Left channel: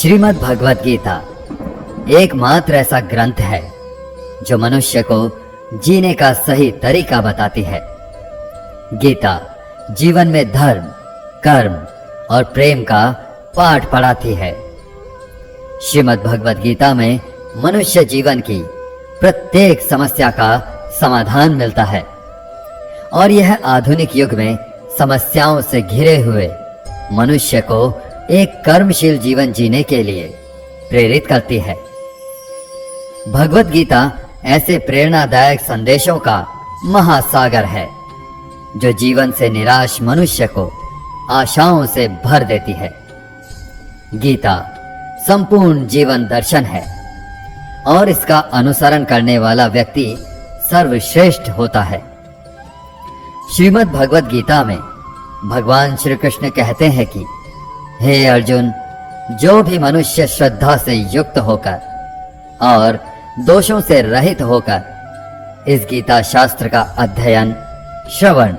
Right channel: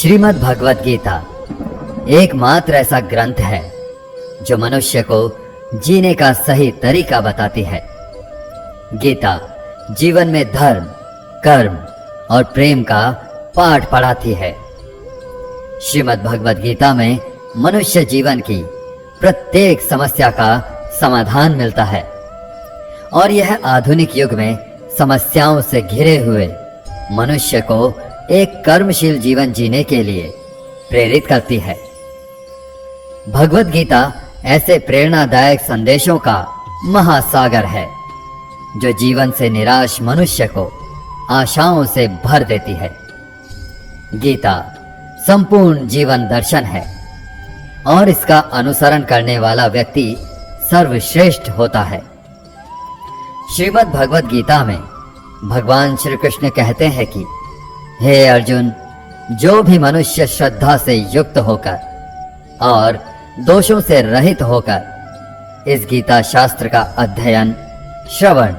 श्रीमद् भगवत गीता एकमात्र ऐसा ग्रंथ है जो मनुष्य को जीने का सही तरीका बताती है। गीता जीवन में धर्म, कर्म और प्रेम का पाठ पढ़ाती है। श्रीमद् भगवत गीता में मनुष्य जीवन की प्रत्येक समस्या का समाधान मिलता है और यह आधुनिक युग में समस्याओं से घिरे हुए मनुष्य को एक कर्मशील जीवन जीने के लिए प्रेरित करती है। भगवत गीता ऐसे प्रेरणादायक संदेशों का महासागर है जो जीवन से निराश मनुष्य को आशाओं से भर देती है। गीता संपूर्ण जीवन दर्शन है और इसका अनुसरण करने वाला व्यक्ति सर्वश्रेष्ठ होता है। श्रीमद् भगवत गीता में भगवान श्री कृष्ण कहते हैं कि हे अर्जुन, जो भी मनुष्य श्रद्धा से युक्त होकर और दोषों से रहित होकर इस गीता शास्त्र का अध्ययन, श्रवण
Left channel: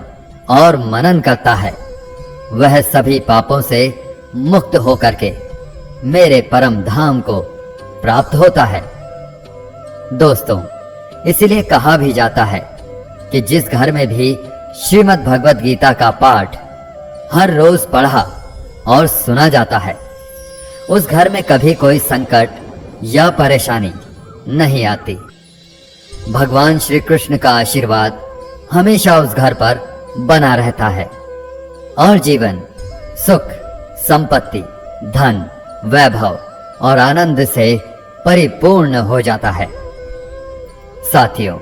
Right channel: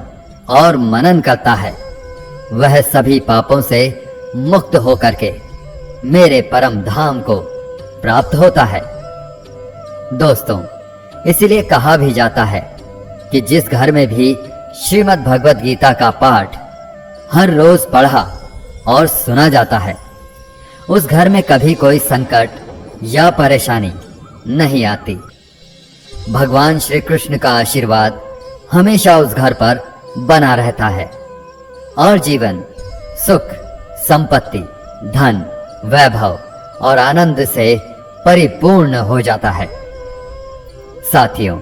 और मनन करता है, वह सभी पापों से मुक्त होकर के मेरे परम धाम को प्राप्त होता है। दोस्तों, इसीलिए कहा भी जाता है कि जिस घर में भी श्रीमद् भगवत गीता का पाठ हर रोज पढ़ा और सुना जाता है, उस घर में कभी कोई संकट या परेशानी नहीं आती। भगवान श्री कृष्ण का आशीर्वाद हमेशा उस घर पर बना रहता है और जीवन सुख, संपत्ति, धन, वैभव और आनंद से परिपूर्ण हो जाता है। साथियों,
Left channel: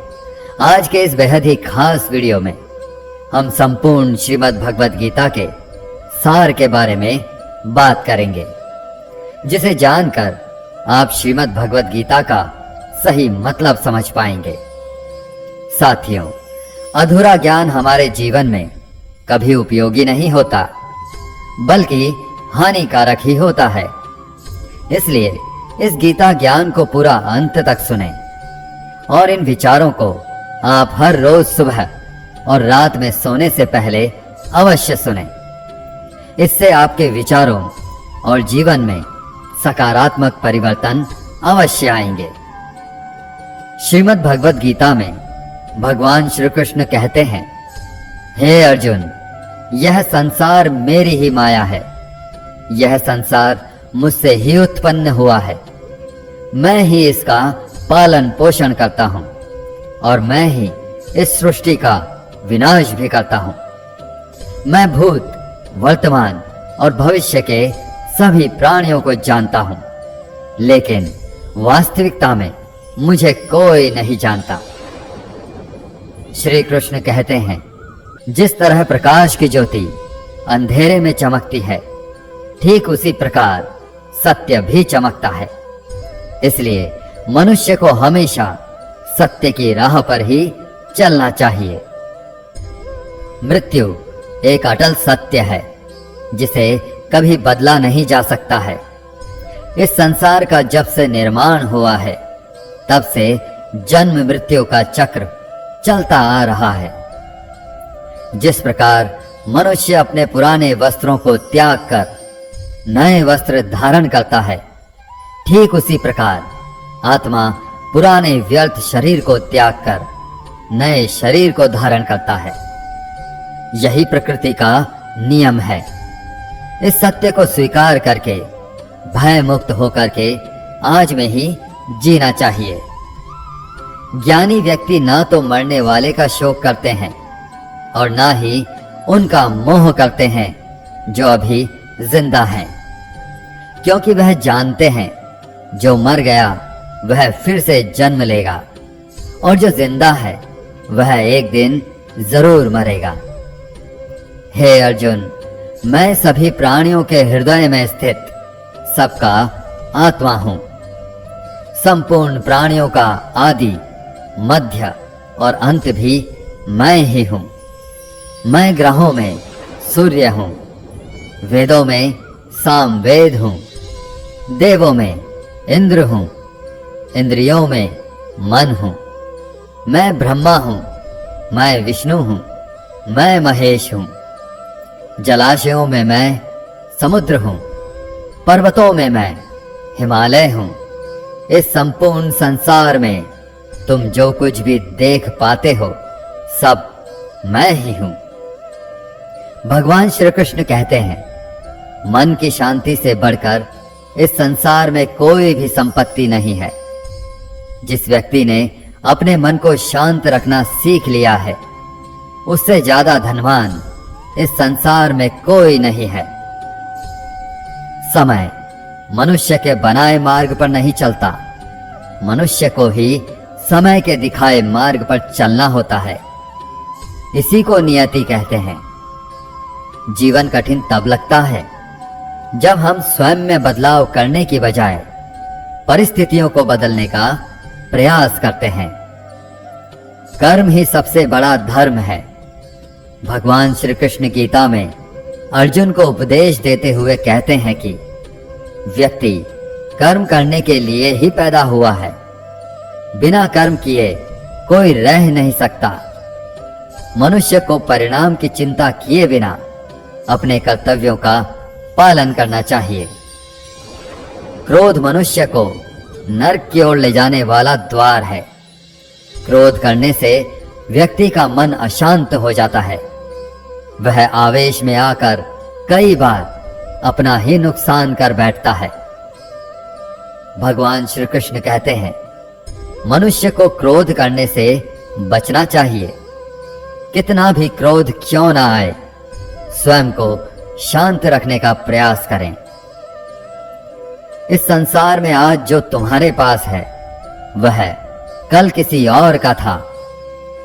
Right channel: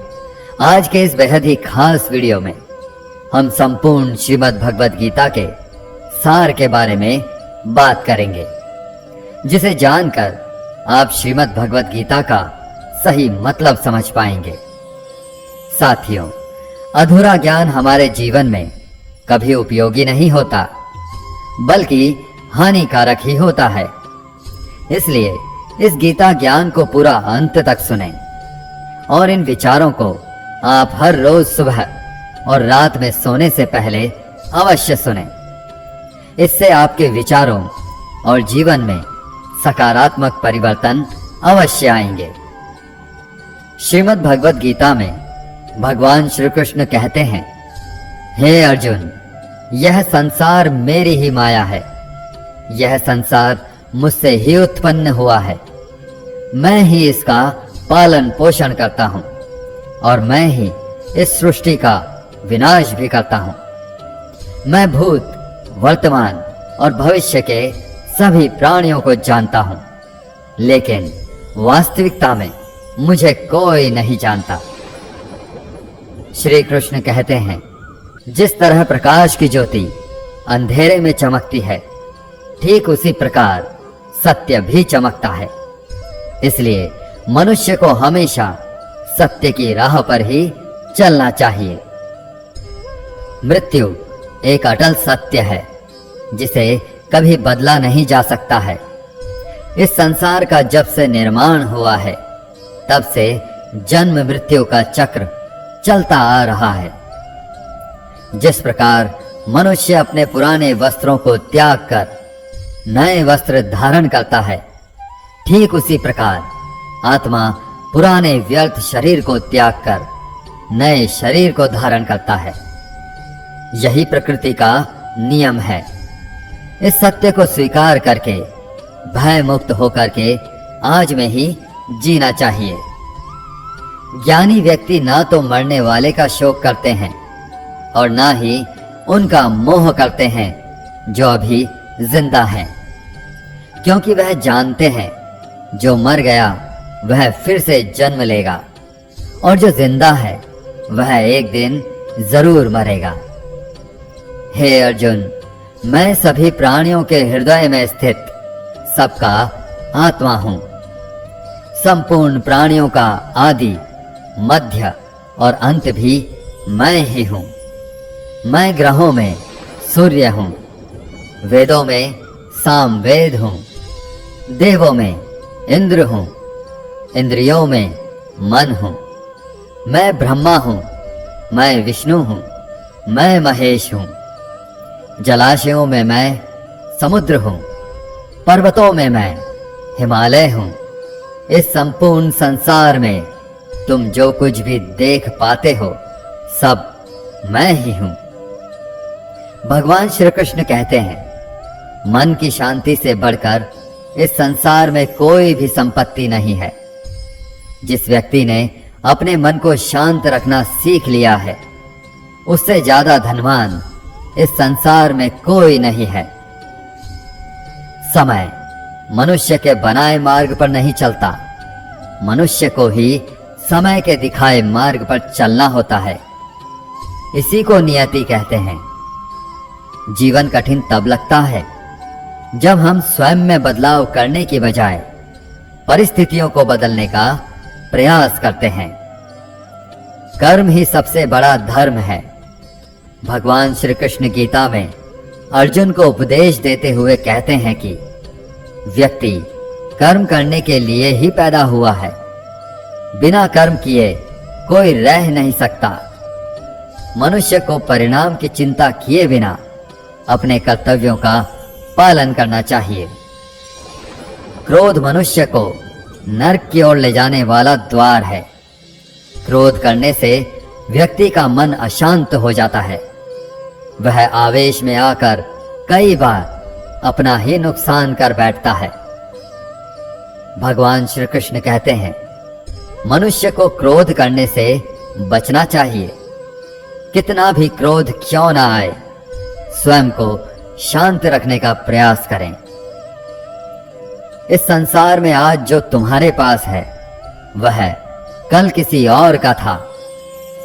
आज के इस बेहद ही खास वीडियो में हम संपूर्ण श्रीमद् भगवत गीता के सार के बारे में बात करेंगे, जिसे जानकर आप श्रीमद् भगवत गीता का सही मतलब समझ पाएंगे। साथियों, अधूरा ज्ञान हमारे जीवन में कभी उपयोगी नहीं होता, बल्कि हानिकारक ही होता है। इसलिए इस गीता ज्ञान को पूरा अंत तक सुनें और इन विचारों को आप हर रोज सुबह और रात में सोने से पहले अवश्य सुनें। इससे आपके विचारों और जीवन में सकारात्मक परिवर्तन अवश्य आएंगे। श्रीमद् भगवत गीता में भगवान श्री कृष्ण कहते हैं, हे अर्जुन, यह संसार मेरी ही माया है। यह संसार मुझसे ही उत्पन्न हुआ है। मैं ही इसका पालन पोषण करता हूँ और मैं ही इस सृष्टि का विनाश भी करता हूँ। मैं भूत, वर्तमान और भविष्य के सभी प्राणियों को जानता हूँ, लेकिन वास्तविकता में मुझे कोई नहीं जानता। श्री कृष्ण कहते हैं, जिस तरह प्रकाश की ज्योति अंधेरे में चमकती है, ठीक उसी प्रकार सत्य भी चमकता है। इसलिए मनुष्य को हमेशा सत्य की राह पर ही चलना चाहिए। मृत्यु एक अटल सत्य है जिसे कभी बदला नहीं जा सकता है। इस संसार का जब से निर्माण हुआ है, तब से जन्म मृत्यु का चक्र चलता आ रहा है। जिस प्रकार मनुष्य अपने पुराने वस्त्रों को त्याग कर नए वस्त्र धारण करता है, ठीक उसी प्रकार आत्मा पुराने व्यर्थ शरीर को त्याग कर नए शरीर को धारण करता है। यही प्रकृति का नियम है। इस सत्य को स्वीकार करके भय मुक्त होकर के आज में ही जीना चाहिए। ज्ञानी व्यक्ति ना तो मरने वाले का शोक करते हैं और ना ही उनका मोह करते हैं जो अभी जिंदा हैं, क्योंकि वह जानते हैं जो मर गया वह फिर से जन्म लेगा और जो जिंदा है वह एक दिन जरूर मरेगा। हे अर्जुन, मैं सभी प्राणियों के हृदय में स्थित सबका आत्मा हूं। संपूर्ण प्राणियों का आदि, मध्य और अंत भी मैं ही हूं। मैं ग्रहों में सूर्य हूं, वेदों में सामवेद हूं, देवों में इंद्र हूं, इंद्रियों में मन हूं। मैं ब्रह्मा हूं, मैं विष्णु हूं, मैं महेश हूं। जलाशयों में मैं समुद्र हूं, पर्वतों में मैं हिमालय हूं। इस संपूर्ण संसार में तुम जो कुछ भी देख पाते हो सब मैं ही हूं। भगवान श्री कृष्ण कहते हैं, मन की शांति से बढ़कर इस संसार में कोई भी संपत्ति नहीं है। जिस व्यक्ति ने अपने मन को शांत रखना सीख लिया है, उससे ज्यादा धनवान इस संसार में कोई नहीं है। समय मनुष्य के बनाए मार्ग पर नहीं चलता, मनुष्य को ही समय के दिखाए मार्ग पर चलना होता है। इसी को नियति कहते हैं। जीवन कठिन तब लगता है जब हम स्वयं में बदलाव करने की बजाय परिस्थितियों को बदलने का प्रयास करते हैं। कर्म ही सबसे बड़ा धर्म है। भगवान श्री कृष्ण गीता में अर्जुन को उपदेश देते हुए कहते हैं कि व्यक्ति कर्म करने के लिए ही पैदा हुआ है। बिना कर्म किए कोई रह नहीं सकता। मनुष्य को परिणाम की चिंता किए बिना अपने कर्तव्यों का पालन करना चाहिए। क्रोध मनुष्य को नरक की ओर ले जाने वाला द्वार है। क्रोध करने से व्यक्ति का मन अशांत हो जाता है। वह आवेश में आकर कई बार अपना ही नुकसान कर बैठता है। भगवान श्री कृष्ण कहते हैं, मनुष्य को क्रोध करने से बचना चाहिए। कितना भी क्रोध क्यों ना आए, स्वयं को शांत रखने का प्रयास करें। इस संसार में आज जो तुम्हारे पास है वह कल किसी और का था,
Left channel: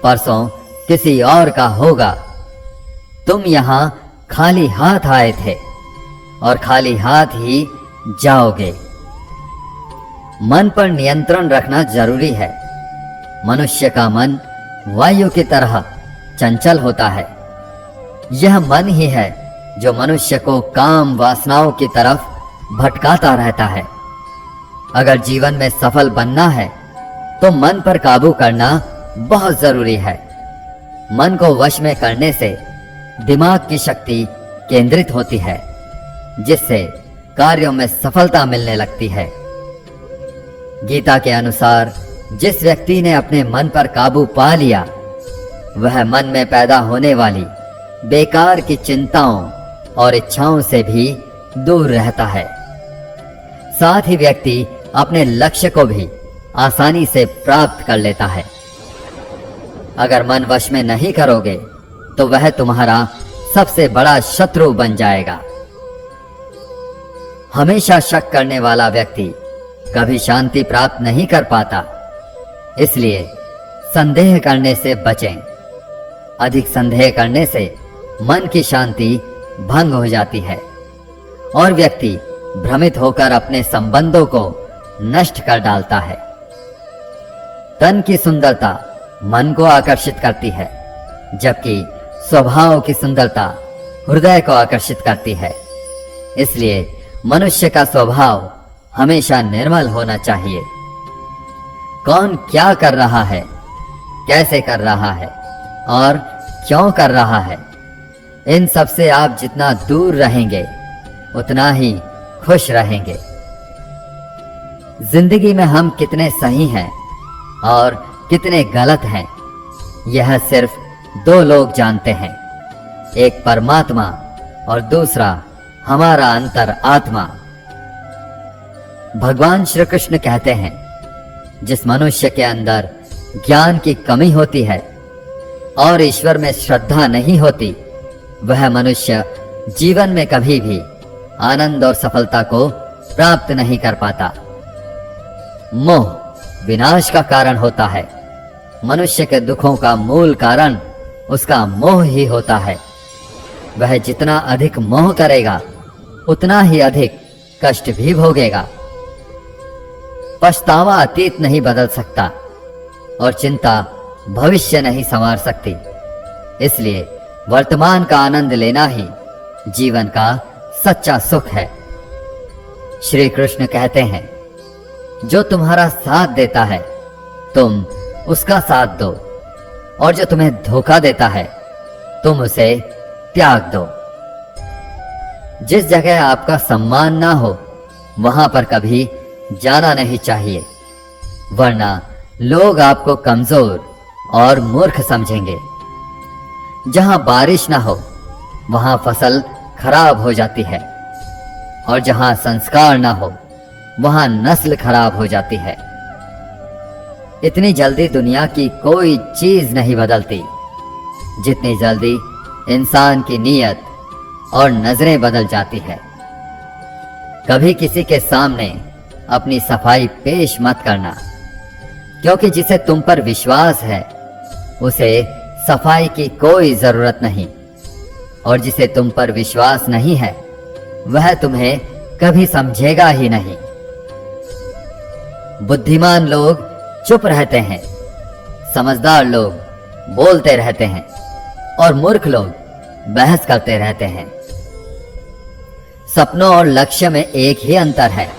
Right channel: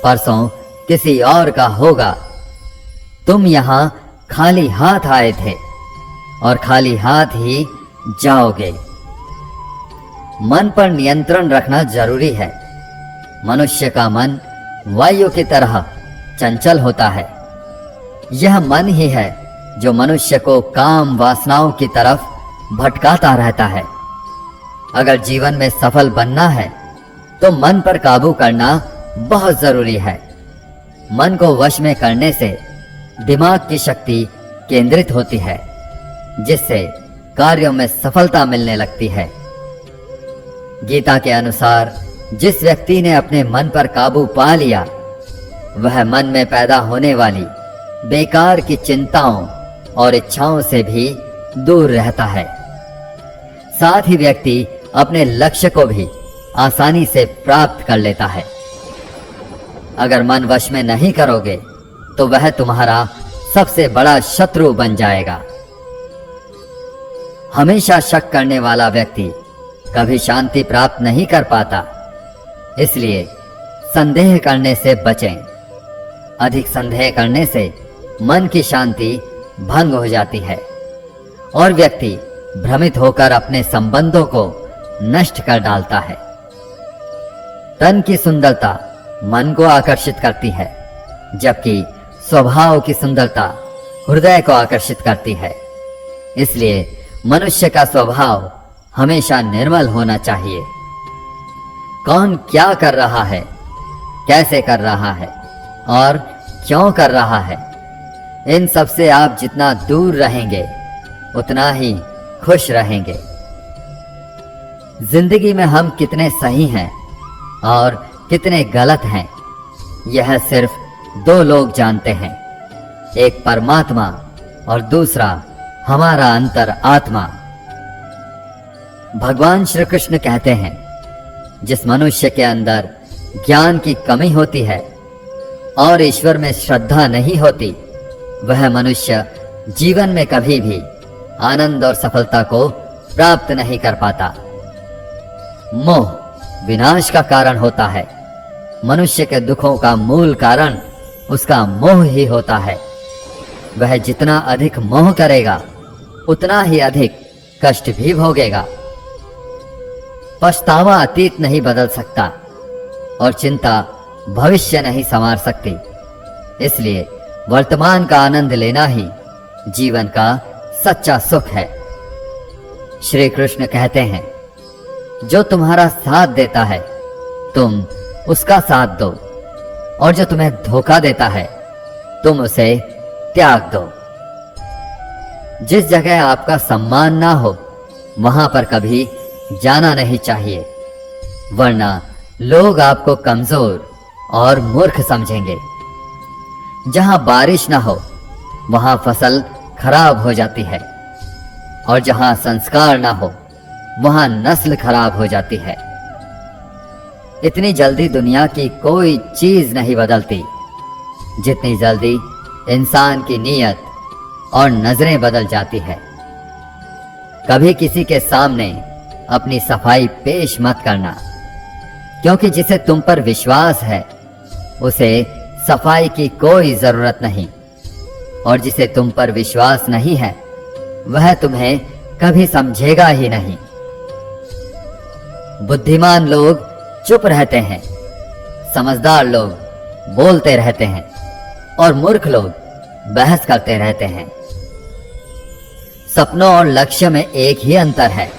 परसों किसी और का होगा। तुम यहां खाली हाथ आए थे और खाली हाथ ही जाओगे। मन पर नियंत्रण रखना जरूरी है। मनुष्य का मन वायु की तरह चंचल होता है। यह मन ही है जो मनुष्य को काम वासनाओं की तरफ भटकाता रहता है। अगर जीवन में सफल बनना है तो मन पर काबू करना बहुत जरूरी है। मन को वश में करने से दिमाग की शक्ति केंद्रित होती है, जिससे कार्यों में सफलता मिलने लगती है। गीता के अनुसार जिस व्यक्ति ने अपने मन पर काबू पा लिया, वह मन में पैदा होने वाली बेकार की चिंताओं और इच्छाओं से भी दूर रहता है। साथ ही व्यक्ति अपने लक्ष्य को भी आसानी से प्राप्त कर लेता है। अगर मन वश में नहीं करोगे तो वह तुम्हारा सबसे बड़ा शत्रु बन जाएगा। हमेशा शक करने वाला व्यक्ति कभी शांति प्राप्त नहीं कर पाता। इसलिए संदेह करने से बचें। अधिक संदेह करने से मन की शांति भंग हो जाती है और व्यक्ति भ्रमित होकर अपने संबंधों को नष्ट कर डालता है। तन की सुंदरता मन को आकर्षित करती है, जबकि स्वभाव की सुंदरता हृदय को आकर्षित करती है। इसलिए मनुष्य का स्वभाव हमेशा निर्मल होना चाहिए। कौन क्या कर रहा है, कैसे कर रहा है और क्यों कर रहा है, इन सब से आप जितना दूर रहेंगे उतना ही खुश रहेंगे। जिंदगी में हम कितने सही हैं और कितने गलत हैं, यह सिर्फ दो लोग जानते हैं। एक परमात्मा और दूसरा हमारा अंतर आत्मा। भगवान श्री कृष्ण कहते हैं, जिस मनुष्य के अंदर ज्ञान की कमी होती है और ईश्वर में श्रद्धा नहीं होती, वह मनुष्य जीवन में कभी भी आनंद और सफलता को प्राप्त नहीं कर पाता। मोह विनाश का कारण होता है। मनुष्य के दुखों का मूल कारण उसका मोह ही होता है। वह जितना अधिक मोह करेगा उतना ही अधिक कष्ट भी भोगेगा। पछतावा अतीत नहीं बदल सकता और चिंता भविष्य नहीं संवार सकती। इसलिए वर्तमान का आनंद लेना ही जीवन का सच्चा सुख है। श्री कृष्ण कहते हैं, जो तुम्हारा साथ देता है तुम उसका साथ दो, और जो तुम्हें धोखा देता है तुम उसे त्याग दो। जिस जगह आपका सम्मान ना हो वहां पर कभी जाना नहीं चाहिए, वरना लोग आपको कमजोर और मूर्ख समझेंगे। जहां बारिश ना हो वहां फसल खराब हो जाती है, और जहां संस्कार ना हो वहां नस्ल खराब हो जाती है। इतनी जल्दी दुनिया की कोई चीज नहीं बदलती जितनी जल्दी इंसान की नीयत और नजरें बदल जाती है। कभी किसी के सामने अपनी सफाई पेश मत करना, क्योंकि जिसे तुम पर विश्वास है उसे सफाई की कोई जरूरत नहीं, और जिसे तुम पर विश्वास नहीं है वह तुम्हें कभी समझेगा ही नहीं। बुद्धिमान लोग चुप रहते हैं, समझदार लोग बोलते रहते हैं, और मूर्ख लोग बहस करते रहते हैं। सपनों और लक्ष्य में एक ही अंतर है।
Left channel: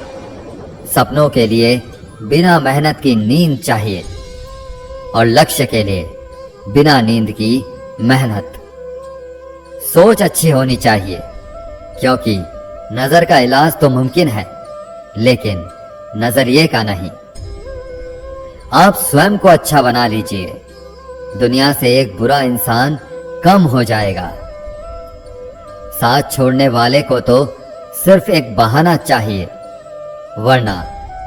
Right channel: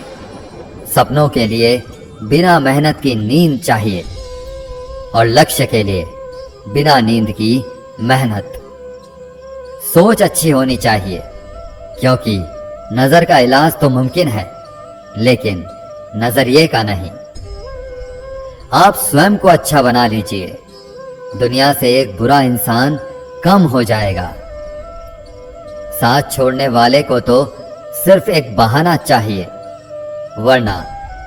सपनों के लिए बिना मेहनत की नींद चाहिए, और लक्ष्य के लिए बिना नींद की मेहनत। सोच अच्छी होनी चाहिए, क्योंकि नजर का इलाज तो मुमकिन है, लेकिन नजरिए का नहीं। आप स्वयं को अच्छा बना लीजिए, दुनिया से एक बुरा इंसान कम हो जाएगा। साथ छोड़ने वाले को तो सिर्फ एक बहाना चाहिए, वरना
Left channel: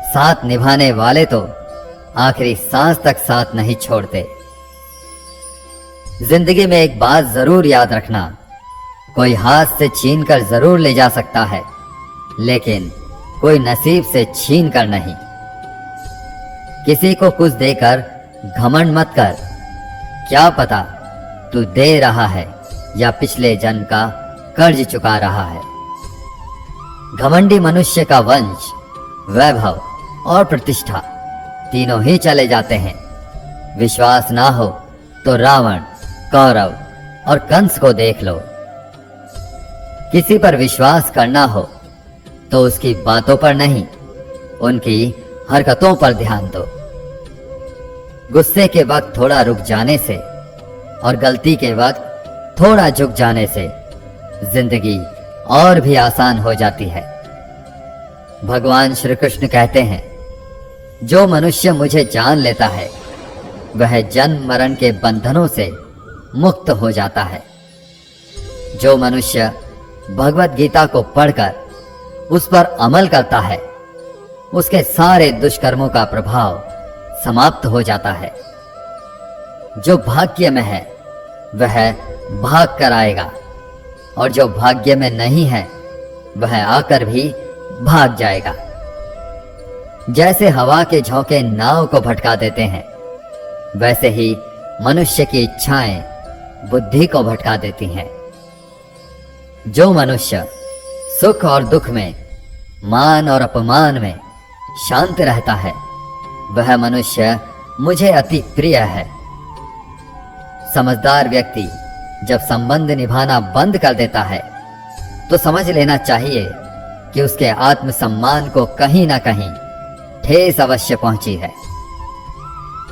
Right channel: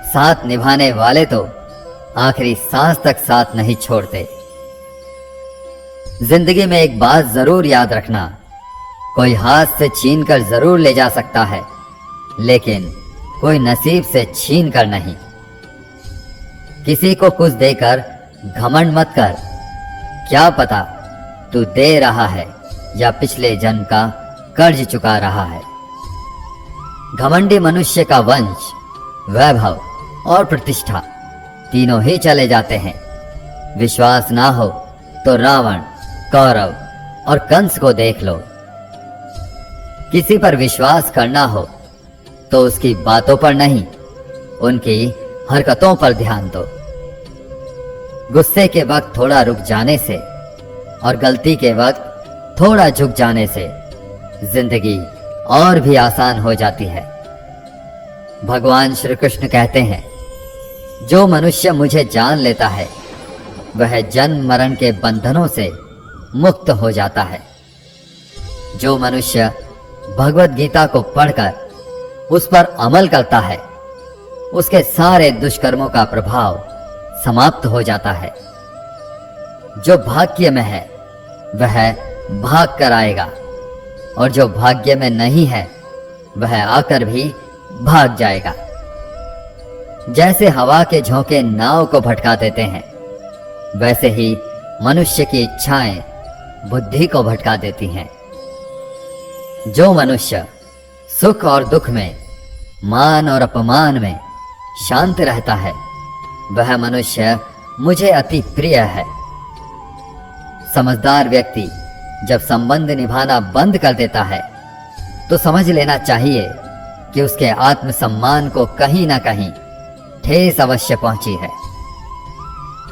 साथ निभाने वाले तो आखिरी सांस तक साथ नहीं छोड़ते। जिंदगी में एक बात जरूर याद रखना, कोई हाथ से छीन कर जरूर ले जा सकता है, लेकिन कोई नसीब से छीन कर नहीं। किसी को कुछ देकर घमंड मत कर, क्या पता तू दे रहा है या पिछले जन्म का कर्ज चुका रहा है। घमंडी मनुष्य का वंश, वैभव और प्रतिष्ठा तीनों ही चले जाते हैं। विश्वास ना हो तो रावण, कौरव और कंस को देख लो। किसी पर विश्वास करना हो तो उसकी बातों पर नहीं, उनकी हरकतों पर ध्यान दो। गुस्से के वक्त थोड़ा रुक जाने से और गलती के वक्त थोड़ा झुक जाने से जिंदगी और भी आसान हो जाती है। भगवान श्री कृष्ण कहते हैं, जो मनुष्य मुझे जान लेता है वह जन्म मरण के बंधनों से मुक्त हो जाता है। जो मनुष्य भगवत गीता को पढ़कर उस पर अमल करता है उसके सारे दुष्कर्मों का प्रभाव समाप्त हो जाता है। जो भाग्य में है वह भाग कर आएगा, और जो भाग्य में नहीं है वह आकर भी भाग जाएगा। जैसे हवा के झोंके नाव को भटका देते हैं, वैसे ही मनुष्य की इच्छाएं बुद्धि को भटका देती हैं। जो मनुष्य सुख और दुख में, मान और अपमान में शांत रहता है वह मनुष्य मुझे अति प्रिय है। समझदार व्यक्ति जब संबंध निभाना बंद कर देता है तो समझ लेना चाहिए कि उसके आत्मसम्मान को कहीं ना कहीं ठेस अवश्य पहुंची है।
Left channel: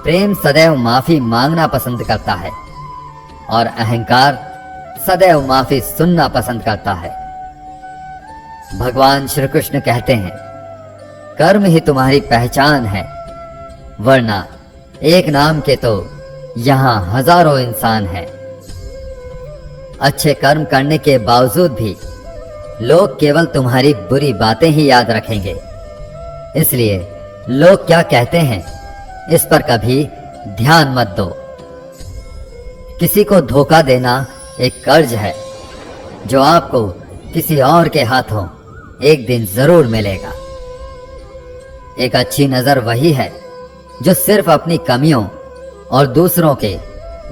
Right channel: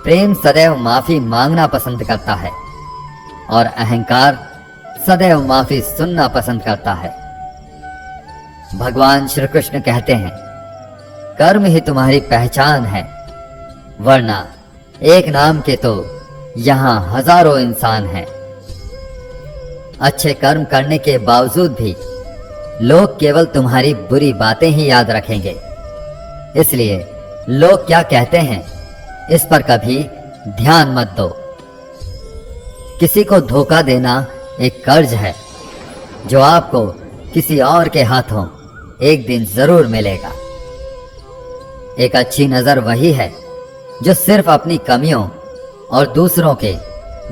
प्रेम सदैव माफी मांगना पसंद करता है, और अहंकार सदैव माफी सुनना पसंद करता है। भगवान श्री कृष्ण कहते हैं, कर्म ही तुम्हारी पहचान है, वरना एक नाम के तो यहां हजारों इंसान हैं। अच्छे कर्म करने के बावजूद भी लोग केवल तुम्हारी बुरी बातें ही याद रखेंगे। इसलिए लोग क्या कहते हैं इस पर कभी ध्यान मत दो। किसी को धोखा देना एक कर्ज है जो आपको किसी और के हाथों एक दिन जरूर मिलेगा। एक अच्छी नजर वही है जो सिर्फ अपनी कमियों और दूसरों के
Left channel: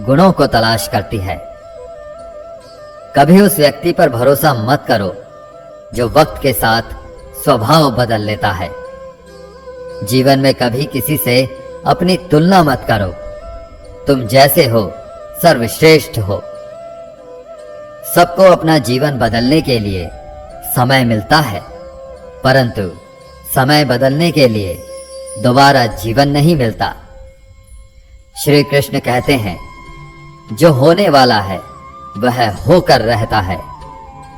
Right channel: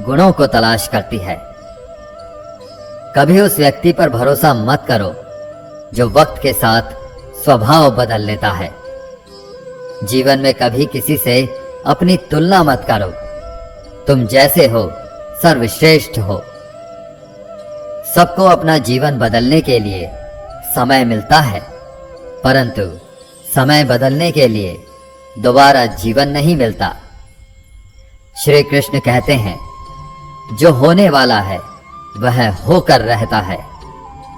गुणों को तलाश करती है। कभी उस व्यक्ति पर भरोसा मत करो जो वक्त के साथ स्वभाव बदल लेता है। जीवन में कभी किसी से अपनी तुलना मत करो। तुम जैसे हो सर्वश्रेष्ठ हो। सबको अपना जीवन बदलने के लिए समय मिलता है, परंतु समय बदलने के लिए दोबारा जीवन नहीं मिलता। श्री कृष्ण कहते हैं, जो होने वाला है वह होकर रहता है,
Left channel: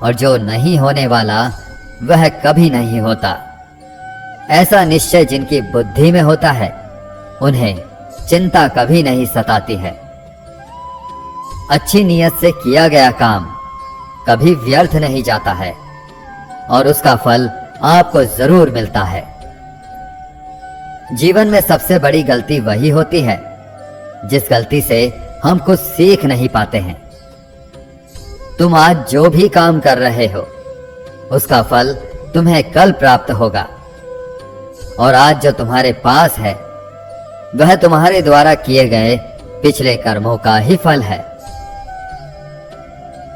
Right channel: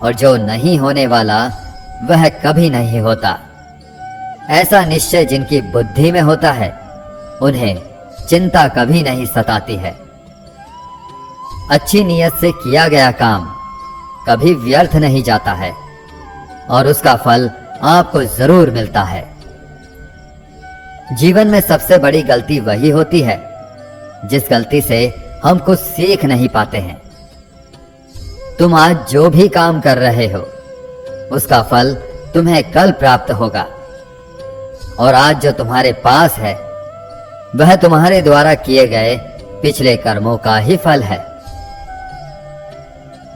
और जो नहीं होने वाला वह कभी नहीं होता। ऐसा निश्चय जिनकी बुद्धि में होता है, उन्हें चिंता कभी नहीं सताती है। अच्छी नीयत से किया गया काम कभी व्यर्थ नहीं जाता है और उसका फल आपको जरूर मिलता है। जीवन में सबसे बड़ी गलती वही होती है जिस गलती से हम कुछ सीख नहीं पाते हैं। तुम आज जो भी काम कर रहे हो, उसका फल तुम्हें कल प्राप्त होगा, और आज जो तुम्हारे पास है वह तुम्हारे द्वारा किए गए पिछले कर्मों का ही फल है।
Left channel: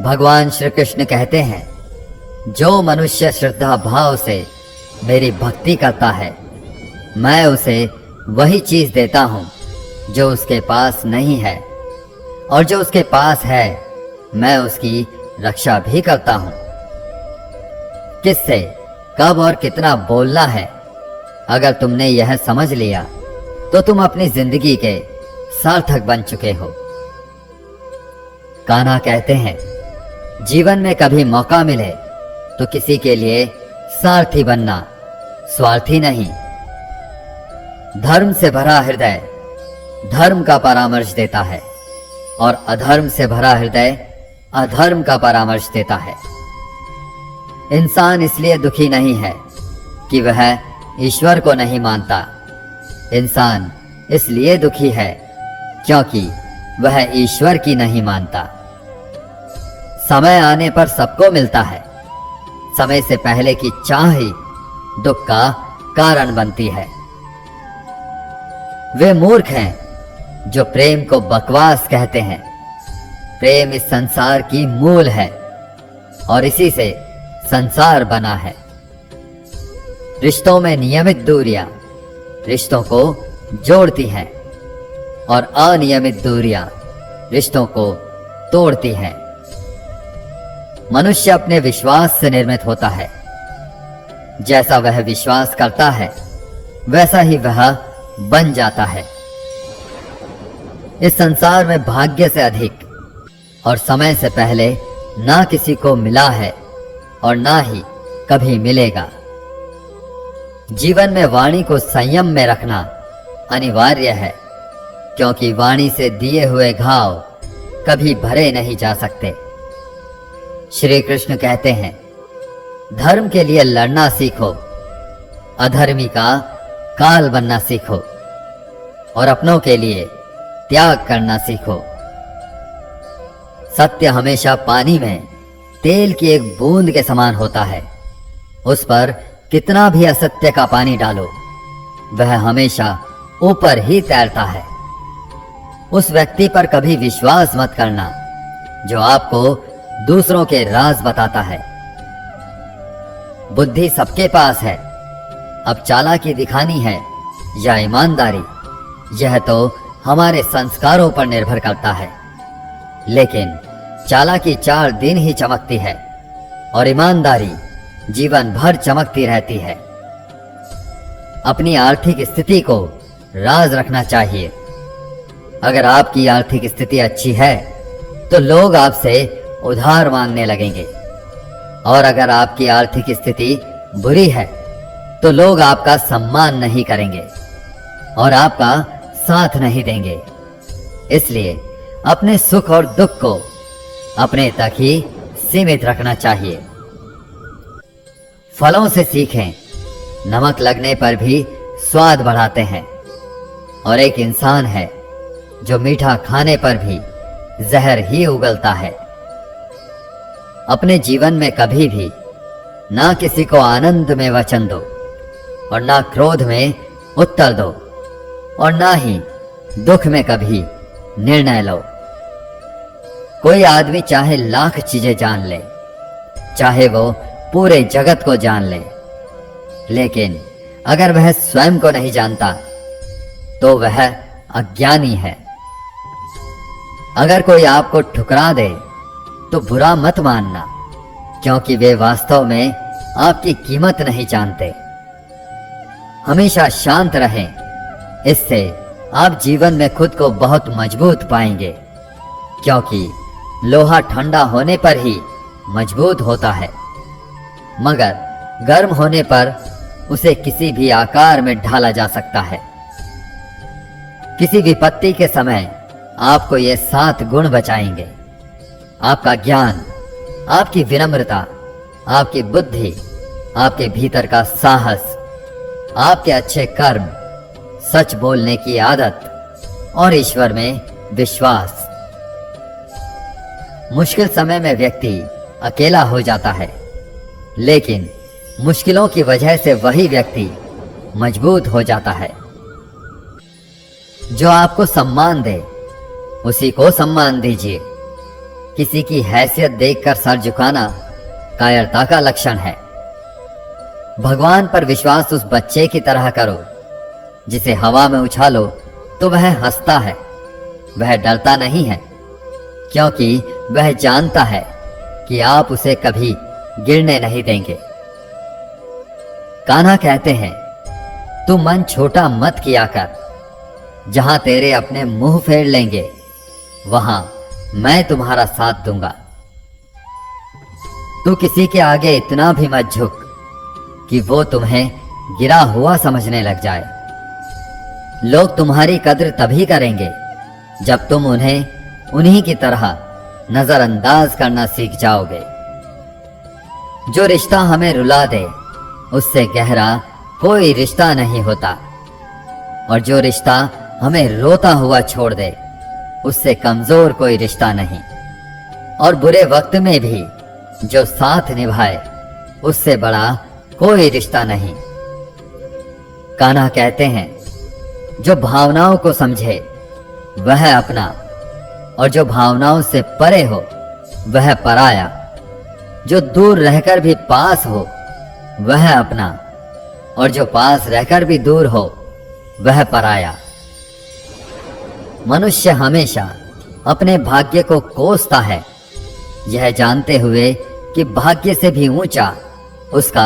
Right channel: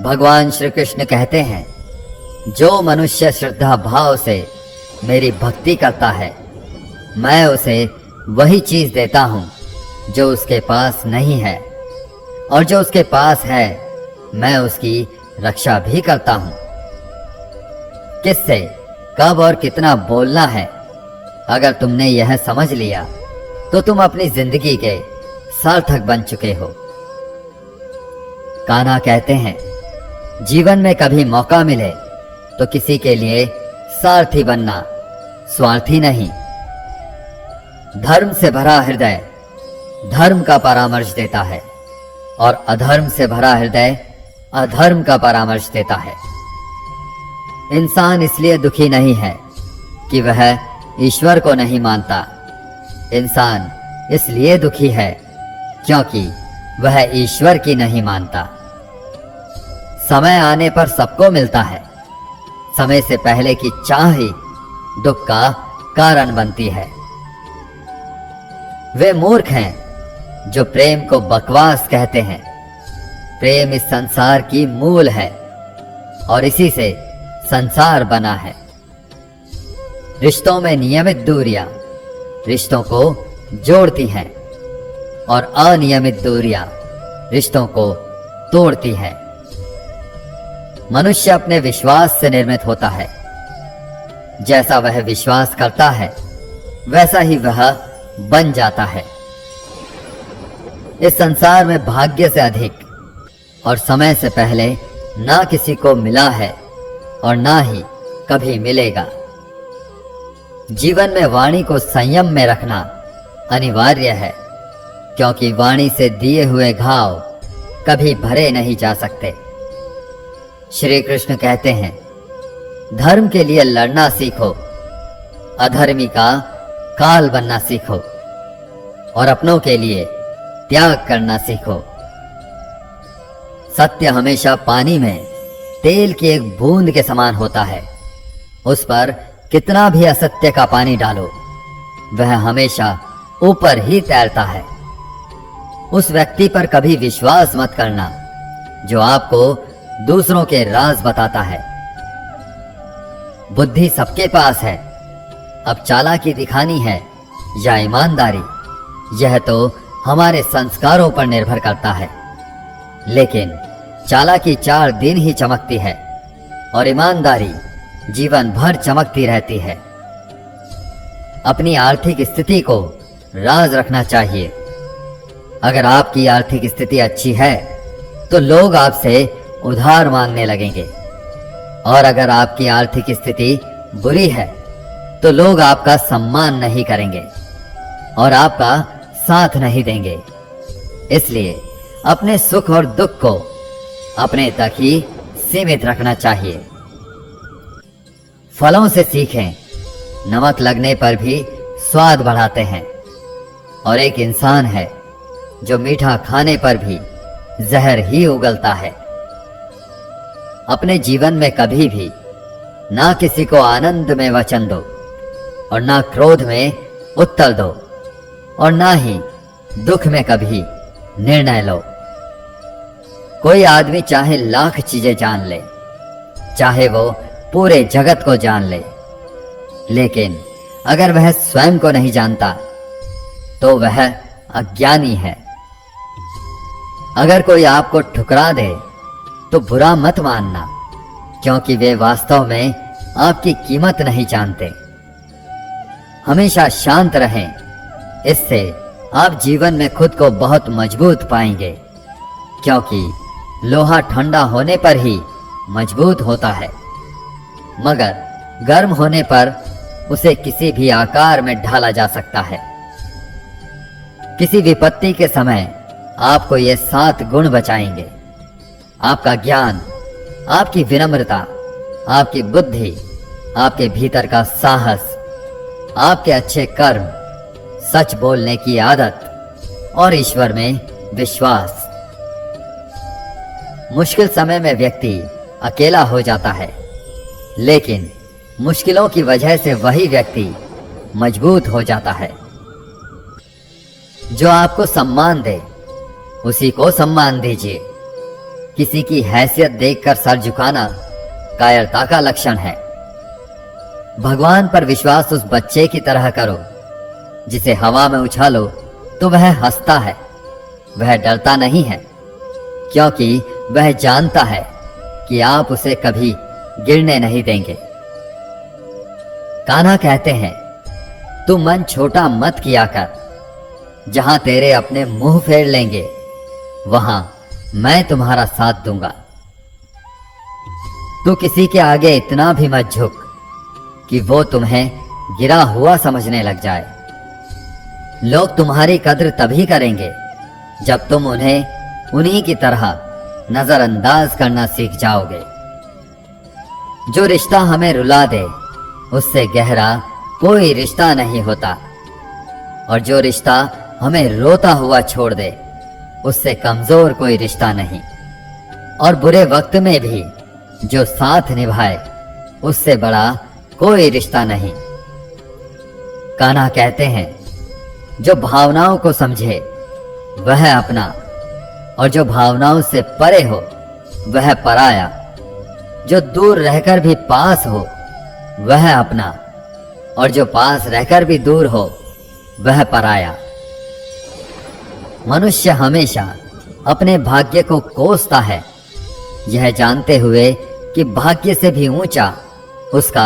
भगवान श्री कृष्ण कहते हैं, जो मनुष्य श्रद्धा भाव से मेरी भक्ति करता है, मैं उसे वही चीज देता हूं जो उसके पास नहीं है, और जो उसके पास है मैं उसकी रक्षा भी करता हूं। किससे कब और कितना बोलना है, अगर तुमने यह समझ लिया तो तुम अपनी जिंदगी के सार्थक बन चुके हो। कान्हा कहते हैं, जीवन में कभी मौका मिले तो किसी के लिए सारथी बनना, स्वार्थी नहीं। धर्म से भरा हृदय धर्म का परामर्श देता है, और अधर्म से भरा हृदय अधर्म का परामर्श देता है। इंसान इसलिए दुखी नहीं है कि वह ईश्वर को नहीं मानता। इंसान इसलिए दुखी है क्योंकि वह ईश्वर की नहीं मानता। समय आने पर सबको मिलता है, समय से पहले की चाह ही दुख का कारण बनती है। वे मूर्ख हैं जो प्रेम को बकवास कहते हैं। प्रेम इस संसार की मूल है और इसी से संसार बना है। रिश्तों में नियमित दूरियां रिश्तों को जोड़ती हैं और अनियमित दूरियां रिश्तों को तोड़ती हैं। मनुष्य अपने विश्वास से निर्मित होता है। जैसा वह विश्वास करता है वैसा ही वह बन जाता है। इस संसार में भाग्य से अधिक और समय से पहले ना किसी को मिला है और ना ही कभी मिलेगा। जीवन में वाणी को संयम में रखना अनिवार्य है, क्योंकि वाणी से दिए हुए घाव कभी भरे नहीं जा सकते। श्री कृष्ण कहते हैं, धर्म के लिए लड़ना सीखो, अधर्मी का काल बनना सीखो, और अपनों के लिए त्याग करना सीखो। सत्य हमेशा पानी में तेल की एक बूंद के समान होता है। उस पर कितना भी असत्य का पानी डालो, वह हमेशा ऊपर ही तैरता है। उस व्यक्ति पर कभी विश्वास मत करना जो आपको दूसरों के राज बताता है। बुद्धि सबके पास है, अब चालाकी दिखानी है या ईमानदारी, यह तो हमारे संस्कारों पर निर्भर करता है। लेकिन चालाकी 4 दिन ही चमकती है और ईमानदारी जीवन भर चमकती रहती है। अपनी आर्थिक स्थिति को राज रखना चाहिए। अगर आपकी आर्थिक स्थिति अच्छी है तो लोग आपसे उधार मांगने लगेंगे, और अगर आपकी आर्थिक स्थिति बुरी है तो लोग आपका सम्मान नहीं करेंगे और आपका साथ नहीं देंगे। इसलिए अपने सुख और दुख को अपने तक ही सीमित रखना चाहिए। फलों से सीखें, नमक लगने पर भी स्वाद बढ़ाते हैं, और एक इंसान है जो मीठा खाने पर भी जहर ही उगलता है। अपने जीवन में कभी भी ना किसी को आनंद में वचन दो और ना क्रोध में उत्तर दो, और ना ही दुख में कभी निर्णय लो। कोई आदमी चाहे लाख चीजें जान ले, चाहे वो पूरे जगत को जान ले, लेकिन अगर वह स्वयं को नहीं जानता तो वह अज्ञानी है। अगर कोई आपको ठुकरा दे तो बुरा मत मानना, क्योंकि वे वास्तव में आपकी कीमत नहीं जानते। हमेशा शांत रहें, इससे आप जीवन में खुद को बहुत मजबूत पाएंगे, क्योंकि लोहा ठंडा होने पर ही मजबूत होता है, मगर गर्म होने पर उसे किसी भी आकार में ढाला जा सकता है। किसी विपत्ति के समय आपको ये 7 गुण बचाएंगे। आपका ज्ञान, आपकी विनम्रता, आपकी बुद्धि, आपके भीतर का साहस, आपके अच्छे कर्म, सच बोलने की आदत और ईश्वर में विश्वास। मुश्किल समय में व्यक्ति अकेला हो जाता है, लेकिन मुश्किलों की वजह से वही व्यक्ति मजबूत हो जाता है। जो आपको सम्मान दे उसी को सम्मान दीजिए। किसी की हैसियत देखकर सर झुकाना कायरता का लक्षण है। भगवान पर विश्वास उस बच्चे की तरह करो जिसे हवा में उछालो तो वह हंसता है। वह डरता नहीं है, क्योंकि वह जानता है कि आप उसे कभी गिरने नहीं देंगे। कान्हा कहते हैं, तू मन छोटा मत किया कर। जहां तेरे अपने मुंह फेर लेंगे वहां मैं तुम्हारा साथ दूंगा। तू किसी के आगे इतना भी मत झुक कि वो तुम्हें गिरा हुआ समझने लग जाए। लोग तुम्हारी कद्र तभी करेंगे जब तुम उन्हें उन्हीं की तरह नजरअंदाज करना सीख जाओगे। जो रिश्ता हमें रुला दे उससे गहरा कोई रिश्ता नहीं होता, और जो रिश्ता हमें रोता हुआ छोड़ दे उससे कमजोर कोई रिश्ता नहीं। और बुरे वक्त में भी जो साथ निभाए उससे बड़ा कोई रिश्ता नहीं। कान्हा कहते हैं, जो भावनाओं को समझे वह अपना, और जो भावनाओं से परे हो वह पराया। जो दूर रहकर भी पास हो वह अपना, और जो पास रहकर भी दूर हो वह पराया। मनुष्य हमेशा अपने भाग्य को कोसता है, यह जानते हुए कि भाग्य से भी ऊंचा उसका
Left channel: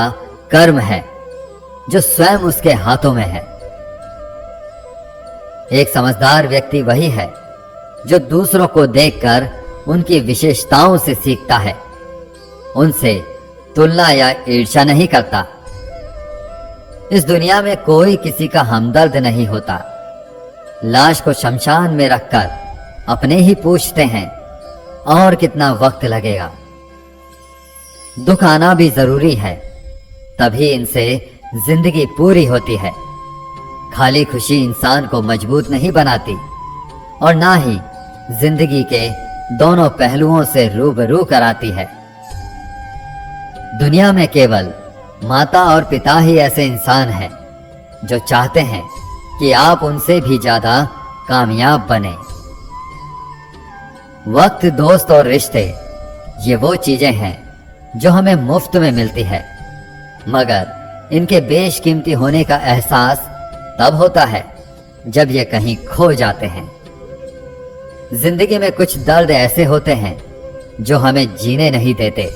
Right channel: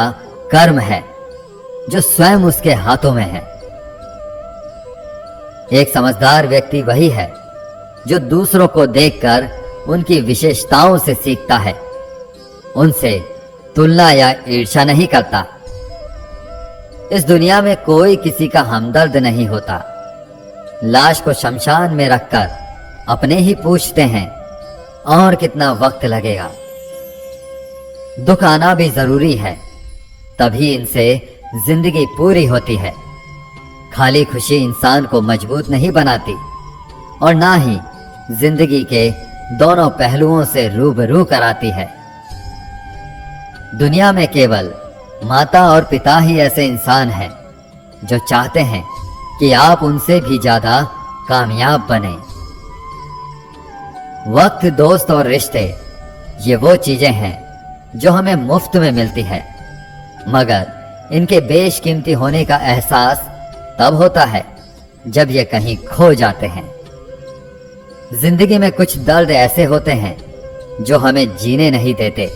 कर्म है जो स्वयं उसके हाथों में है। एक समझदार व्यक्ति वही है जो दूसरों को देखकर उनकी विशेषताओं से सीखता है, उनसे तुलना या ईर्ष्या नहीं करता। इस दुनिया में कोई किसी का हमदर्द नहीं होता। लाश को शमशान में रखकर अपने ही पूछते हैं, और कितना वक्त लगेगा। दुख आना भी जरूरी है, तभी इनसे जिंदगी पूरी होती है। खाली खुशी इंसान को मजबूत नहीं बनाती, और ना ही जिंदगी के दोनों पहलुओं से रूबरू कराती है। दुनिया में केवल माता और पिता ही ऐसे इंसान हैं जो चाहते हैं कि आप उनसे भी ज्यादा कामयाब बने। वक्त, दोस्त और रिश्ते ये वो चीजें हैं जो हमें मुफ्त में मिलती है, मगर इनके बेशकीमती होने का एहसास तब होता है जब ये कहीं खो जाते हैं। जिंदगी में कुछ दर्द ऐसे होते हैं जो हमें जीने नहीं देते,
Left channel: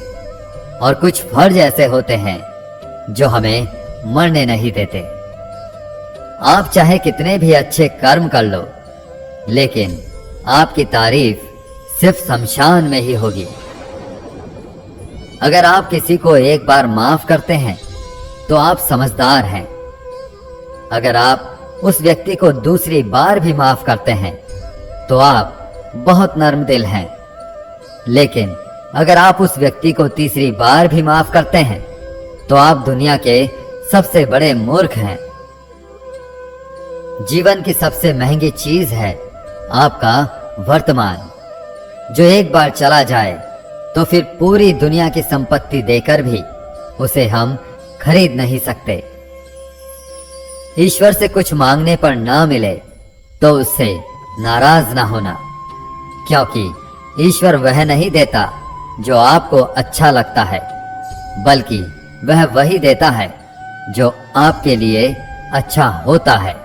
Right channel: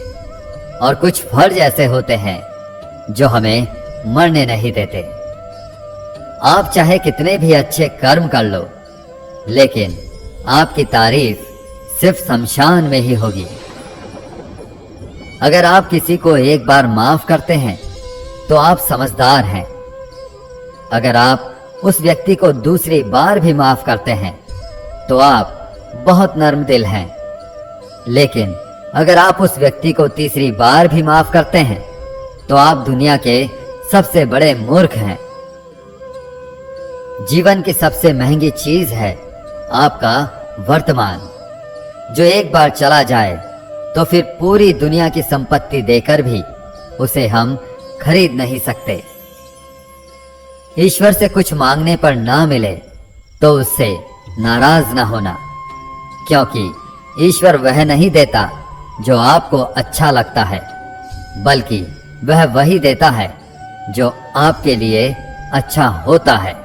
और कुछ फर्ज ऐसे होते हैं जो हमें मरने नहीं देते। आप चाहे कितने भी अच्छे कर्म कर लो, लेकिन आपकी तारीफ सिर्फ शमशान में ही होगी। अगर आप किसी को एक बार माफ करते हैं तो आप समझदार हैं। अगर आप उस व्यक्ति को दूसरी बार भी माफ करते हैं तो आप बहुत नर्म दिल हैं। लेकिन अगर आप उस व्यक्ति को तीसरी बार भी माफ करते हैं तो आप दुनिया के सबसे बड़े मूर्ख हैं। जीवन की सबसे महंगी चीज है आपका वर्तमान, जो एक बार चला जाए तो फिर पूरी दुनिया की संपत्ति देकर भी उसे हम खरीद नहीं सकते। ईश्वर से कुछ मांगने पर ना मिले तो उससे नाराज ना होना, क्योंकि ईश्वर वह नहीं देता जो आपको अच्छा लगता है, बल्कि वह वही देता है जो आपके लिए अच्छा होता है।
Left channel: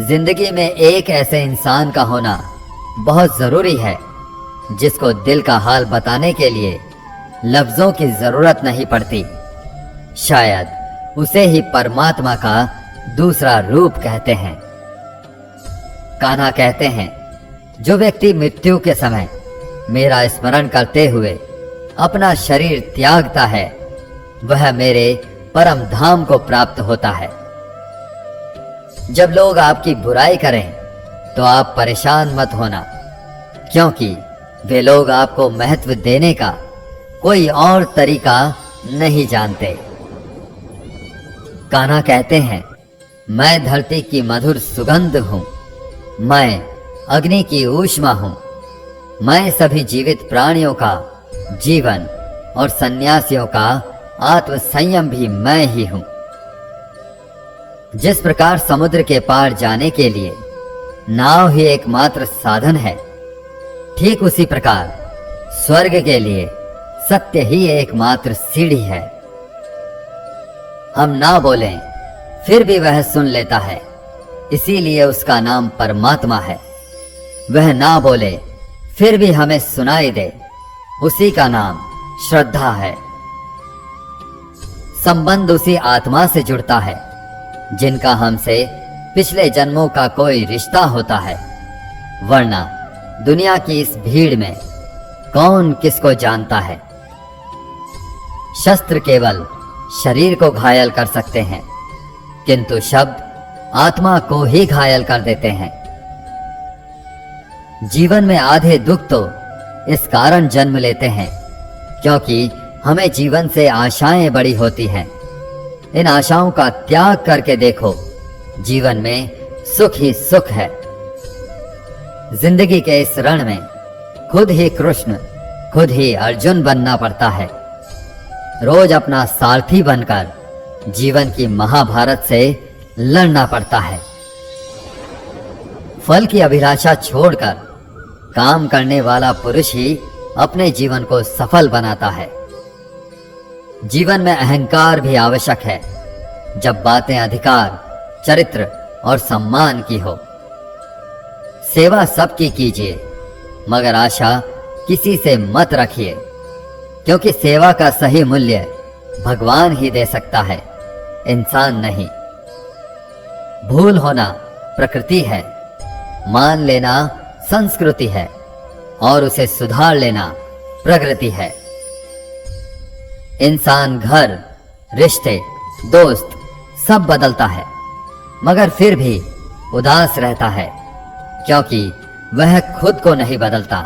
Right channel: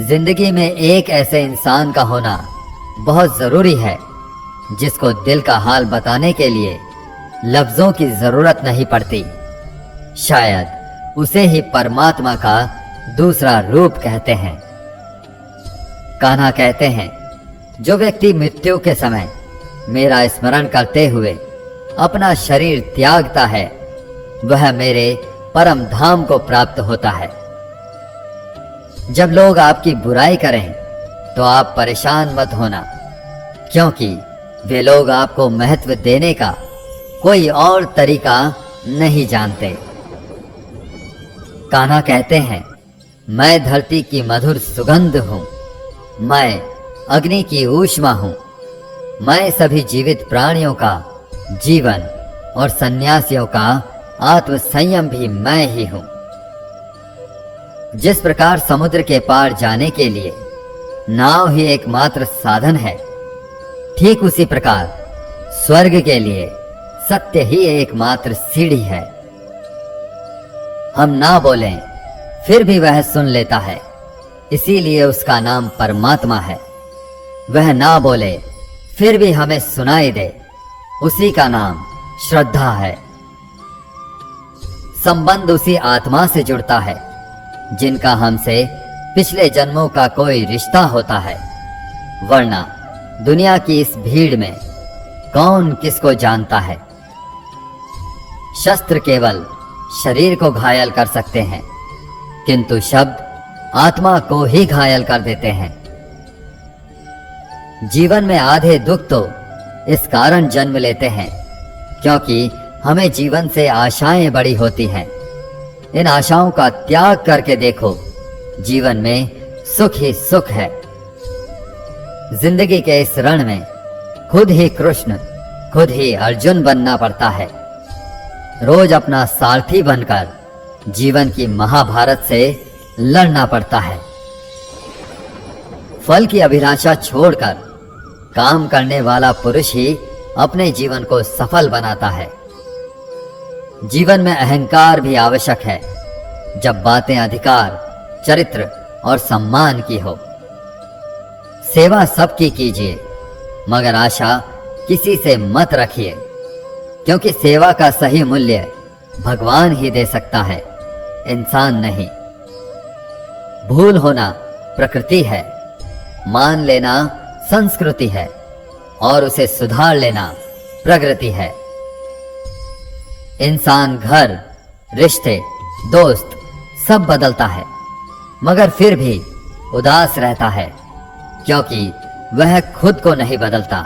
जिंदगी में एक ऐसे इंसान का होना बहुत जरूरी है जिसको दिल का हाल बताने के लिए लफ्जों की जरूरत नहीं पड़ती। शायद उसे ही परमात्मा का दूसरा रूप कहते हैं। कान्हा कहते हैं, जो व्यक्ति मृत्यु के समय मेरा स्मरण करते हुए अपना शरीर त्यागता है वह मेरे परम धाम को प्राप्त होता है। जब लोग आपकी बुराई करें तो आप परेशान मत होना, क्योंकि वे लोग आपको महत्व देने का कोई और तरीका नहीं जानते। कान्हा कहते हैं, मैं धरती की मधुर सुगंध हूं, मैं अग्नि की ऊष्मा हूं, मैं सभी जीवित प्राणियों का जीवन और सन्यासियों का आत्म संयम भी मैं ही हूं। जिस प्रकार समुद्र के पार जाने के लिए नाव ही एकमात्र साधन है, ठीक उसी प्रकार स्वर्ग के लिए सत्य ही एकमात्र सीढ़ी है। हम ना बोलें फिर भी वह सुन लेता है, इसीलिए उसका नाम परमात्मा है। वह ना बोले फिर भी हमें सुनाई दे, उसी का नाम श्रद्धा है। संबंध उसी आत्मा से जुड़ता है जिनका हमसे पिछले जन्मों का कोई रिश्ता होता है, वरना दुनिया की इस भीड़ में कौन किसको जानता है। शस्त्र केवल शरीर को घायल कर सकते हैं, किंतु शब्द आत्मा को ही घायल कर देते हैं। जीवन में आधे दुख तो इस कारण जन्म लेते हैं क्योंकि हमें जीवन से आशाएं बड़ी होती हैं। इन आशाओं का त्याग करके देखो, जीवन में सुख ही सुख है। जिंदगी के इस रण में खुद ही कृष्ण, खुद ही अर्जुन बनना पड़ता है। रोज अपना सारथी बनकर जीवन की महाभारत से लड़ना पड़ता है। फल की अभिलाषा छोड़कर काम करने वाला पुरुष ही अपने जीवन को सफल बनाता है। जीवन में अहंकार भी आवश्यक है जब बातें अधिकार, चरित्र और सम्मान की हो। सेवा सबकी कीजिए, मगर आशा किसी से मत रखिए, क्योंकि सेवा का सही मूल्य भगवान ही दे सकता है, इंसान नहीं। भूल होना प्रकृति है, मान लेना संस्कृति है और उसे सुधार लेना प्रगति है। इंसान घर, रिश्ते, दोस्त सब बदलता है, मगर फिर भी उदास रहता है क्योंकि वह खुद को नहीं बदलता।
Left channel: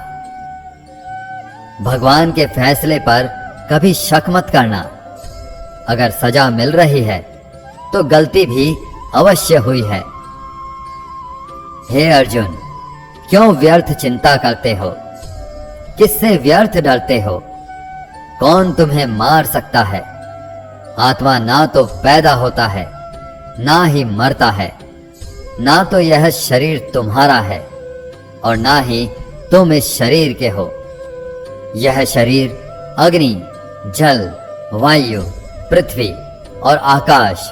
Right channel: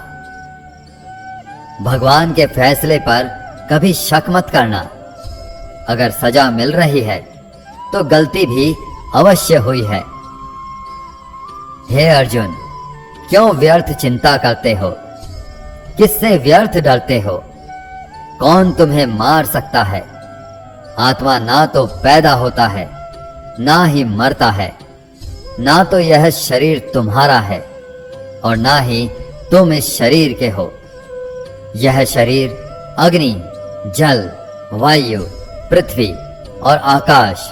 भगवान के फैसले पर कभी शक मत करना। अगर सजा मिल रही है तो गलती भी अवश्य हुई है। हे अर्जुन, क्यों व्यर्थ चिंता करते हो? किससे व्यर्थ डरते हो? कौन तुम्हें मार सकता है? आत्मा ना तो पैदा होता है, ना ही मरता है। ना तो यह शरीर तुम्हारा है और ना ही तुम इस शरीर के हो। यह शरीर अग्नि, जल, वायु, पृथ्वी और आकाश,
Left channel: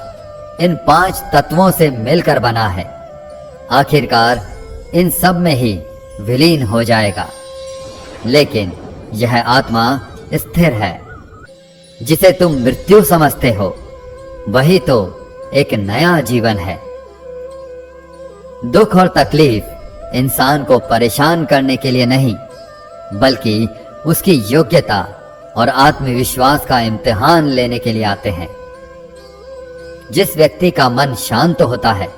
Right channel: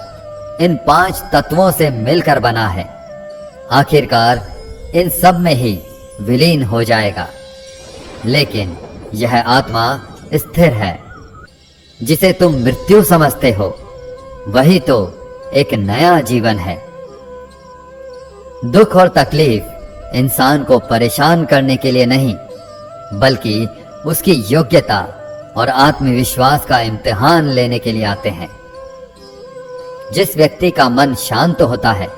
इन 5 तत्वों से मिलकर बना है। आखिरकार इन सब में ही विलीन हो जाएगा। लेकिन यह आत्मा स्थिर है। जिसे तुम मृत्यु समझते हो, वही तो एक नया जीवन है। दुख और तकलीफ इंसान को परेशान करने के लिए नहीं, बल्कि उसकी योग्यता और आत्मविश्वास का इम्तिहान लेने के लिए आते हैं। जिस व्यक्ति का मन शांत होता है,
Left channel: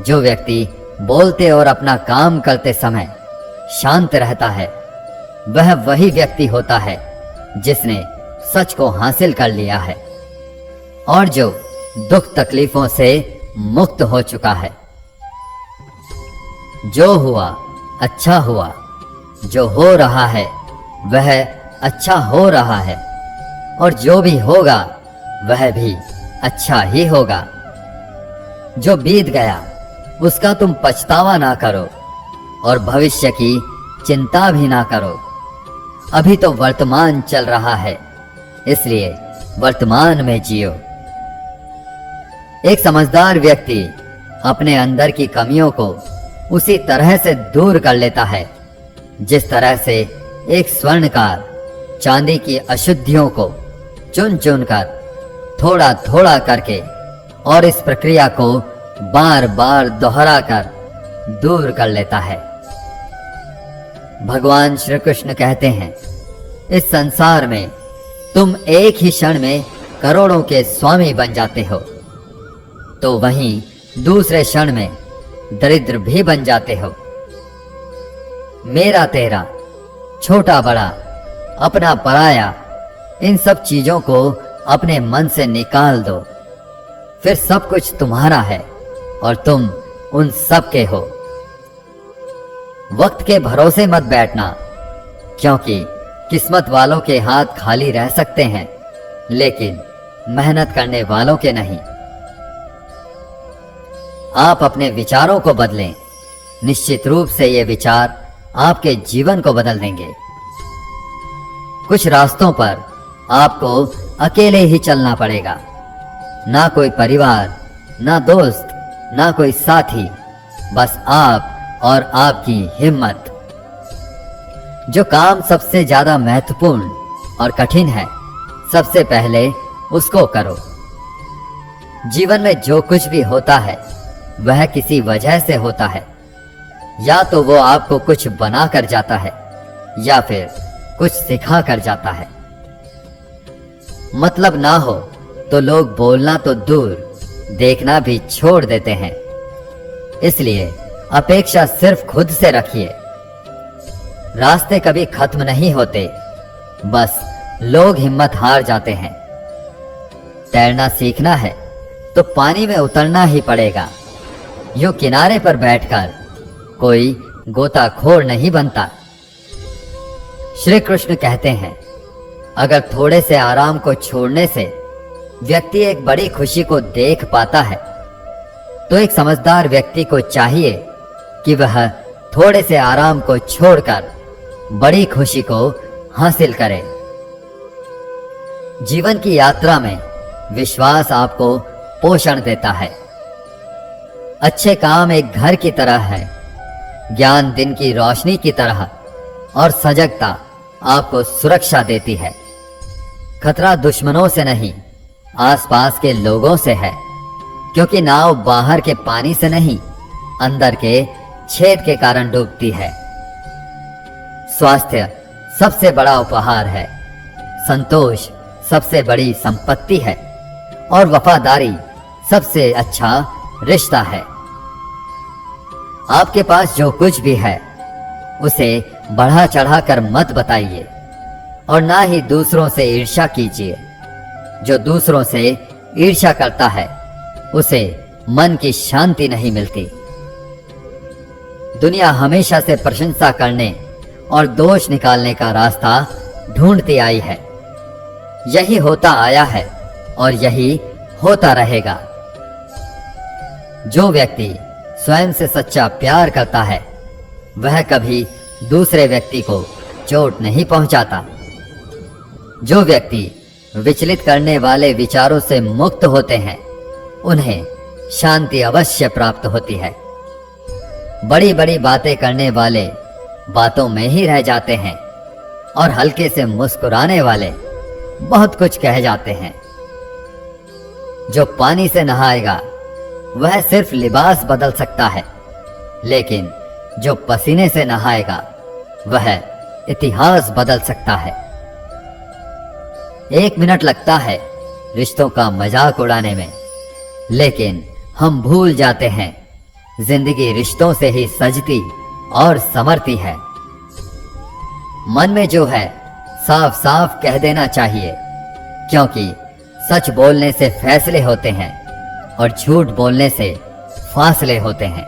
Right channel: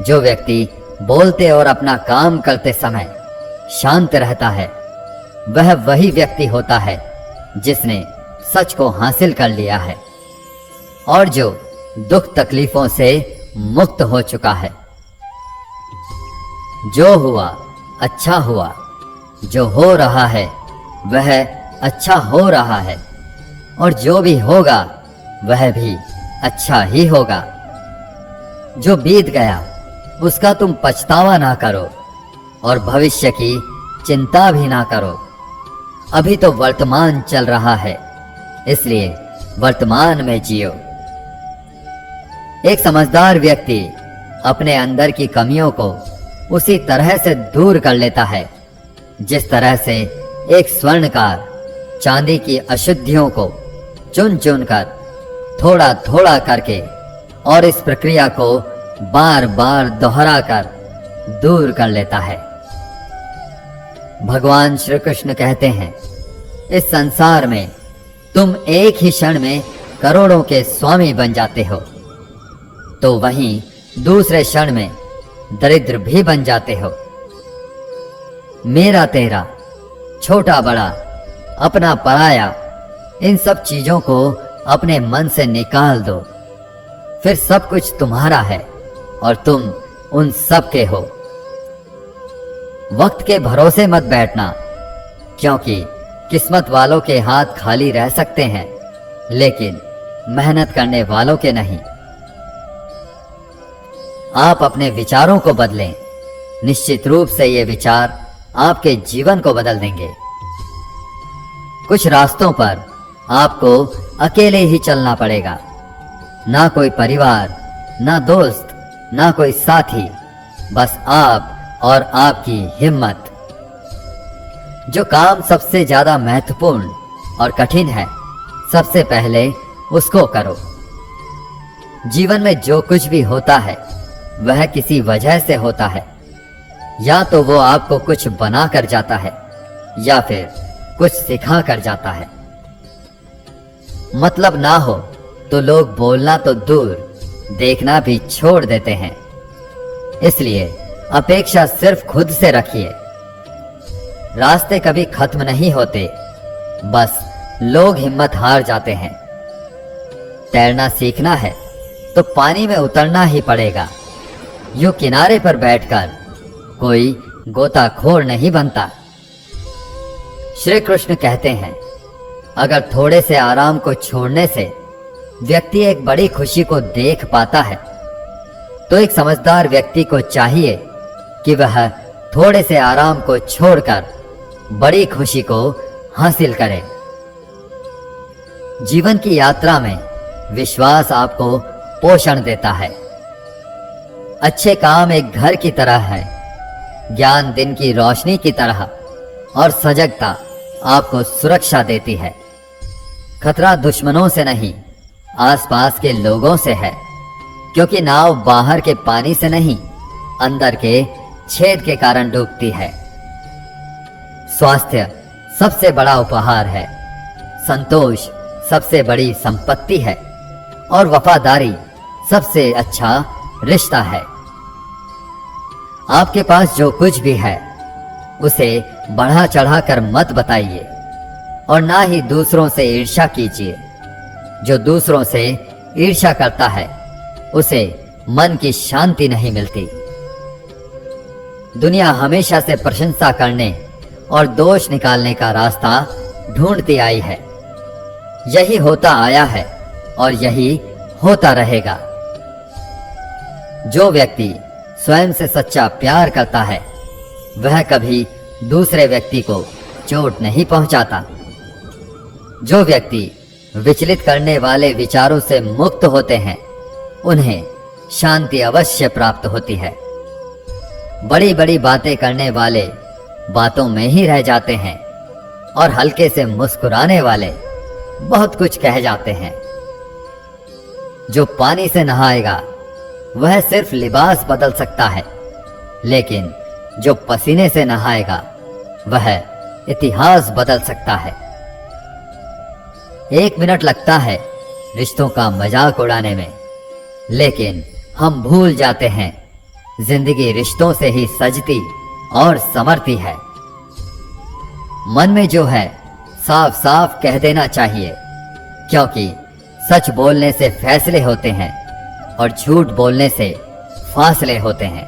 जो व्यक्ति बोलते और अपना काम करते समय शांत रहता है, वह वही व्यक्ति होता है जिसने सच को हासिल कर लिया है और जो दुख तकलीफों से मुक्त हो चुका है। जो हुआ अच्छा हुआ, जो हो रहा है वह अच्छा हो रहा है और जो भी होगा वह भी अच्छा ही होगा। जो बीत गया उसका तुम पछतावा ना करो और भविष्य की चिंता भी ना करो। अभी तो वर्तमान चल रहा है, इसलिए वर्तमान में जियो। एक समझदार व्यक्ति अपने अंदर की कमियों को उसी तरह से दूर कर लेता है जिस तरह से एक स्वर्णकार चांदी की अशुद्धियों को चुन चुन कर, थोड़ा थोड़ा करके और इस प्रक्रिया को बार बार दोहरा कर दूर कर लेता है। भगवान श्री कृष्ण कहते हैं, इस संसार में तुम एक ही क्षण में करोड़ों के स्वामी बन जाते हो, तो वहीं दूसरे क्षण में दरिद्र भी बन जाते हो। मेरा तेरा, छोटा बड़ा, अपना पराया, इन सब चीजों को अपने मन से निकाल दो, फिर सब कुछ तुम्हारा है और तुम उन सब के हो। वक्त के भरोसे मत बैठना, क्योंकि किस्मत वालों के हाथ खाली रह सकते हैं, लेकिन मेहनत करने वालों के नहीं। आप अपने विचारों को बदलें, निश्चित रूप से ये विचार आपके जीवन को बदल देंगे। कुछ रास्तों पर आपको अकेले ही चलना पड़ेगा, ना कोई परिवार, ना दोस्त, ना कोई साथी, बस आप और आपकी हिम्मत। जो काम सबसे ज्यादा महत्वपूर्ण और कठिन है, सबसे पहले उसको करो। जीवन में जो कुछ भी होता है वह किसी वजह से होता है, या तो वो आपको कुछ बना कर जाता है या फिर कुछ सिखा कर जाता है। मतलब ना हो तो लोग बोलना तो दूर, देखना भी छोड़ देते हैं। इसलिए अपेक्षा सिर्फ खुद से रखिए। रास्ते कभी खत्म नहीं होते, बस लोग हिम्मत हार जाते हैं। तैरना सीखना है तो पानी में उतरना ही पड़ेगा। यूं किनारे पर बैठकर कोई गोताखोर नहीं बनता। श्री कृष्ण कहते हैं, अगर थोड़े से आराम को छोड़ने से व्यक्ति एक बड़ी खुशी को देख पाता है, तो एक समझदार व्यक्ति को चाहिए कि वह थोड़े से आराम को छोड़कर बड़ी खुशी को हासिल करे। जीवन की यात्रा में विश्वास आपको पोषण देता है। अच्छे काम एक घर की तरह है, ज्ञान दिन की रोशनी की तरह, और सजगता आपको सुरक्षा देती है। खतरा दुश्मनों से नहीं, आसपास के लोगों से है, क्योंकि नाव बाहर के पानी से नहीं, अंदर के छेद के कारण डूबती है। स्वास्थ्य सबसे बड़ा उपहार है, संतोष सबसे बड़ी संपत्ति है, और वफादारी सबसे अच्छा रिश्ता है। आपके पास जो कुछ भी है उसे बढ़ा चढ़ा कर मत बताइए, और ना ही दूसरों से ईर्ष्या कीजिए। जो दूसरों से ईर्ष्या करता है उसे मन की शांति नहीं मिलती। दुनिया हमेशा से प्रशंसा करने और दोष निकालने का रास्ता ढूंढती आई है। यही होता आया है और यही होता रहेगा। जो व्यक्ति स्वयं से सच्चा प्यार करता है वह कभी दूसरे व्यक्ति को चोट नहीं पहुंचाता। जो व्यक्ति विचलित करने वाले विचारों से मुक्त होते हैं उन्हें शांति अवश्य प्राप्त होती है। बड़ी बड़ी बातें करने वाले बातों में ही रह जाते हैं, और हल्के से मुस्कुराने वाले बहुत कुछ कह जाते हैं। जो पानी से नहाएगा वह सिर्फ लिबास बदल सकता है, लेकिन जो पसीने से नहाएगा वह इतिहास बदल सकता है। 1 मिनट लगता है रिश्तों का मजाक उड़ाने में, लेकिन हम भूल जाते हैं जिंदगी रिश्तों से ही सजती और संवरती है। मन में जो है साफ साफ कह देना चाहिए, क्योंकि सच बोलने से फैसले होते हैं और झूठ बोलने से फासले होते हैं।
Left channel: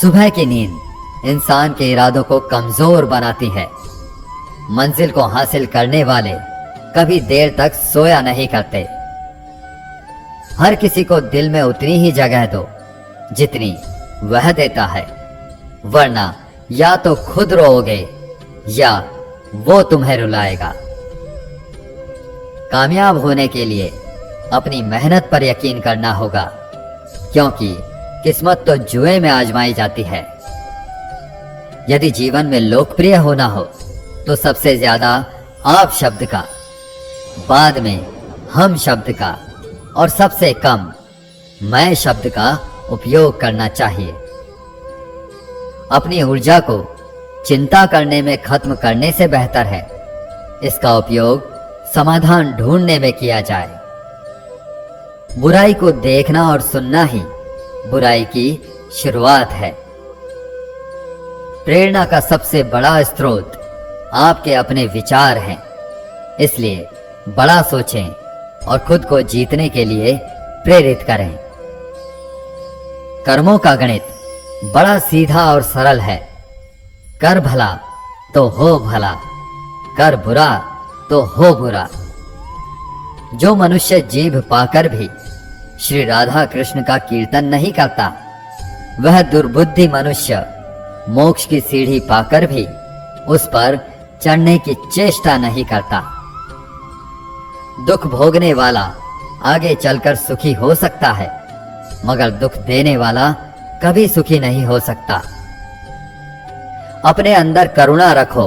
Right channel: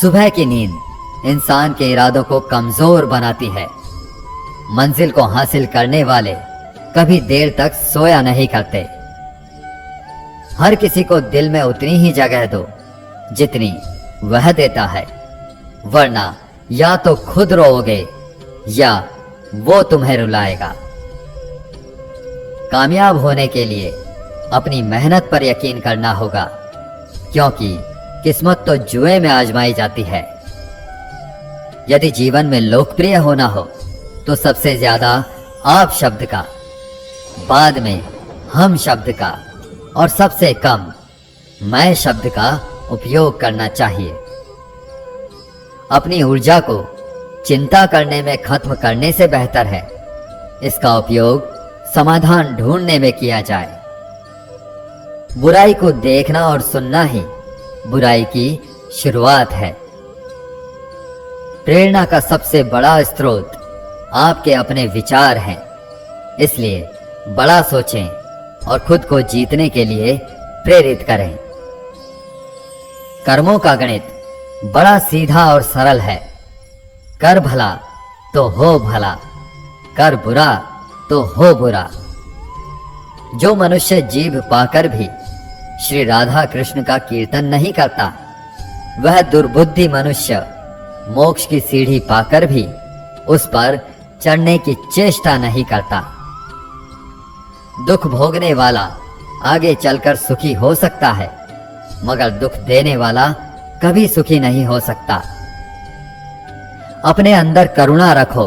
सुबह की नींद इंसान के इरादों को कमजोर बनाती है। मंजिल को हासिल करने वाले कभी देर तक सोया नहीं करते। हर किसी को दिल में उतनी ही जगह दो जितनी वह देता है, वरना या तो खुद रोओगे या वो तुम्हें रुलाएगा। कामयाब होने के लिए अपनी मेहनत पर यकीन करना होगा, क्योंकि किस्मत तो जुए में आजमाई जाती है। यदि जीवन में लोकप्रिय होना हो तो सबसे ज्यादा आप शब्द का, बाद में हम शब्द का, और सबसे कम मैं शब्द का उपयोग करना चाहिए। अपनी ऊर्जा को चिंता करने में खत्म करने से बेहतर है इसका उपयोग समाधान ढूंढने में किया जाए। बुराई को देखना और सुनना ही बुराई की शुरुआत है। प्रेरणा का सबसे बड़ा स्रोत आपके अपने विचार हैं, इसलिए बड़ा सोचें और खुद को जीतने के लिए प्रेरित करें। कर्मों का गणित बड़ा सीधा और सरल है। कर भला तो हो भला, कर बुरा तो हो बुरा। जो मनुष्य जीभ पाकर भी श्री राधा कृष्ण का कीर्तन नहीं करता, वह दुर्बुद्धि मनुष्य मोक्ष की सीढ़ी पाकर भी उस पर चढ़ने की चेष्टा नहीं करता। दुख भोगने वाला आगे चलकर सुखी हो सकता है, मगर दुख देने वाला कभी सुखी नहीं हो सकता। अपने अंदर करुणा रखो,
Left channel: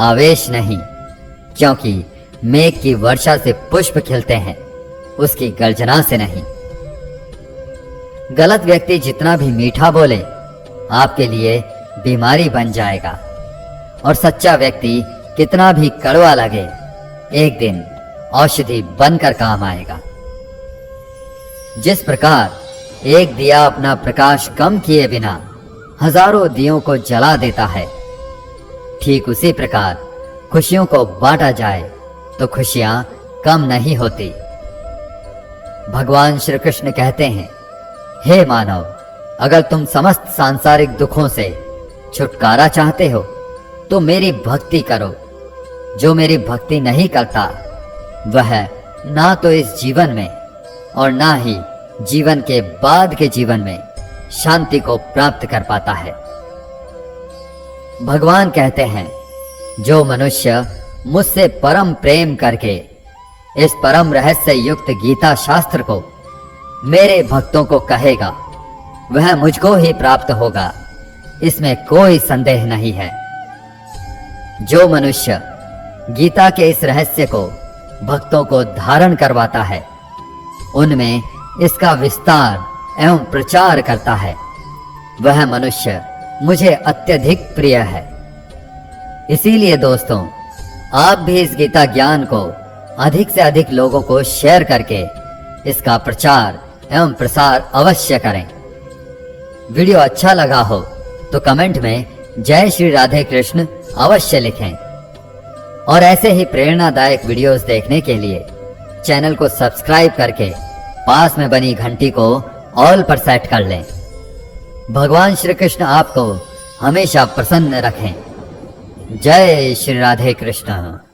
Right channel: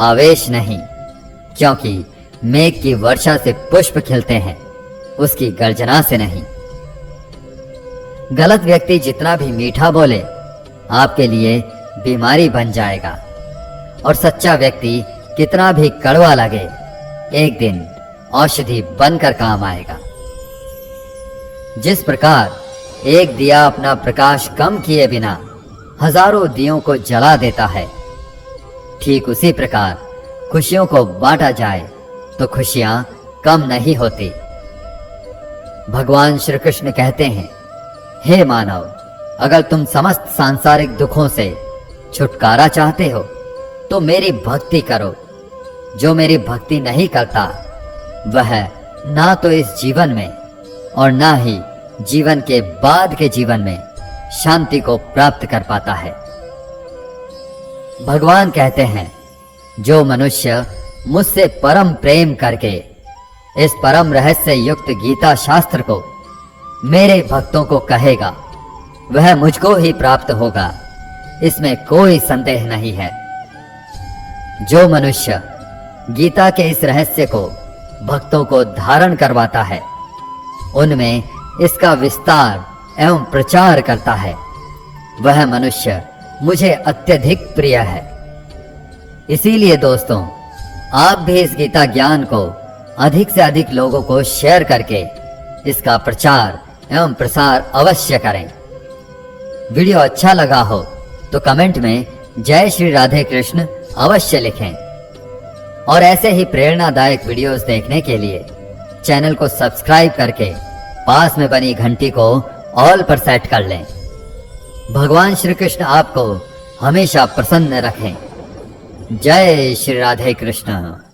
आवेश नहीं, क्योंकि मेघ की वर्षा से पुष्प खिलते हैं, उसकी गर्जना से नहीं। गलत व्यक्ति जितना भी मीठा बोले आपके लिए बीमारी बन जाएगा, और सच्चा व्यक्ति कितना भी कड़वा लगे एक दिन औषधि बनकर काम आएगा। जिस प्रकार एक दिया अपना प्रकाश कम किए बिना हजारों दियों को जला देता है, ठीक उसी प्रकार खुशियों को बांटा जाए तो खुशियां कम नहीं होती। भगवान श्री कृष्ण कहते हैं, हे मानव, अगर तुम समस्त सांसारिक दुखों से छुटकारा चाहते हो तो मेरी भक्ति करो। जो मेरी भक्ति नहीं करता वह ना तो इस जीवन में और ना ही जीवन के बाद के जीवन में शांति को प्राप्त कर पाता है। भगवान कहते हैं, जो मनुष्य मुझसे परम प्रेम करके इस परम रहस्य युक्त गीता शास्त्र को मेरे भक्तों को कहेगा, वह मुझको ही प्राप्त होगा, इसमें कोई संदेह नहीं है। जो मनुष्य गीता के इस रहस्य को भक्तों को धारण करवाता है, उनमें इसका विस्तार एवं प्रचार करता है, वह मनुष्य मुझे अत्यधिक प्रिय है। इसीलिए दोस्तों, आप भी इस गीता ज्ञान को अधिक से अधिक लोगों को शेयर करके इसका प्रचार एवं प्रसार अवश्य करें। वीडियो अच्छा लगा हो तो कमेंट में जय श्री राधे कृष्ण अवश्य लिखें, और ऐसे ही प्रेरणादायक वीडियोस देखने के लिए चैनल को सब्सक्राइब करके पास में बनी घंटी को ऑल पर सेट कर लें। भगवान श्री कृष्ण आपको हमेशा प्रसन्न रखें। जय श्री राधे कृष्ण।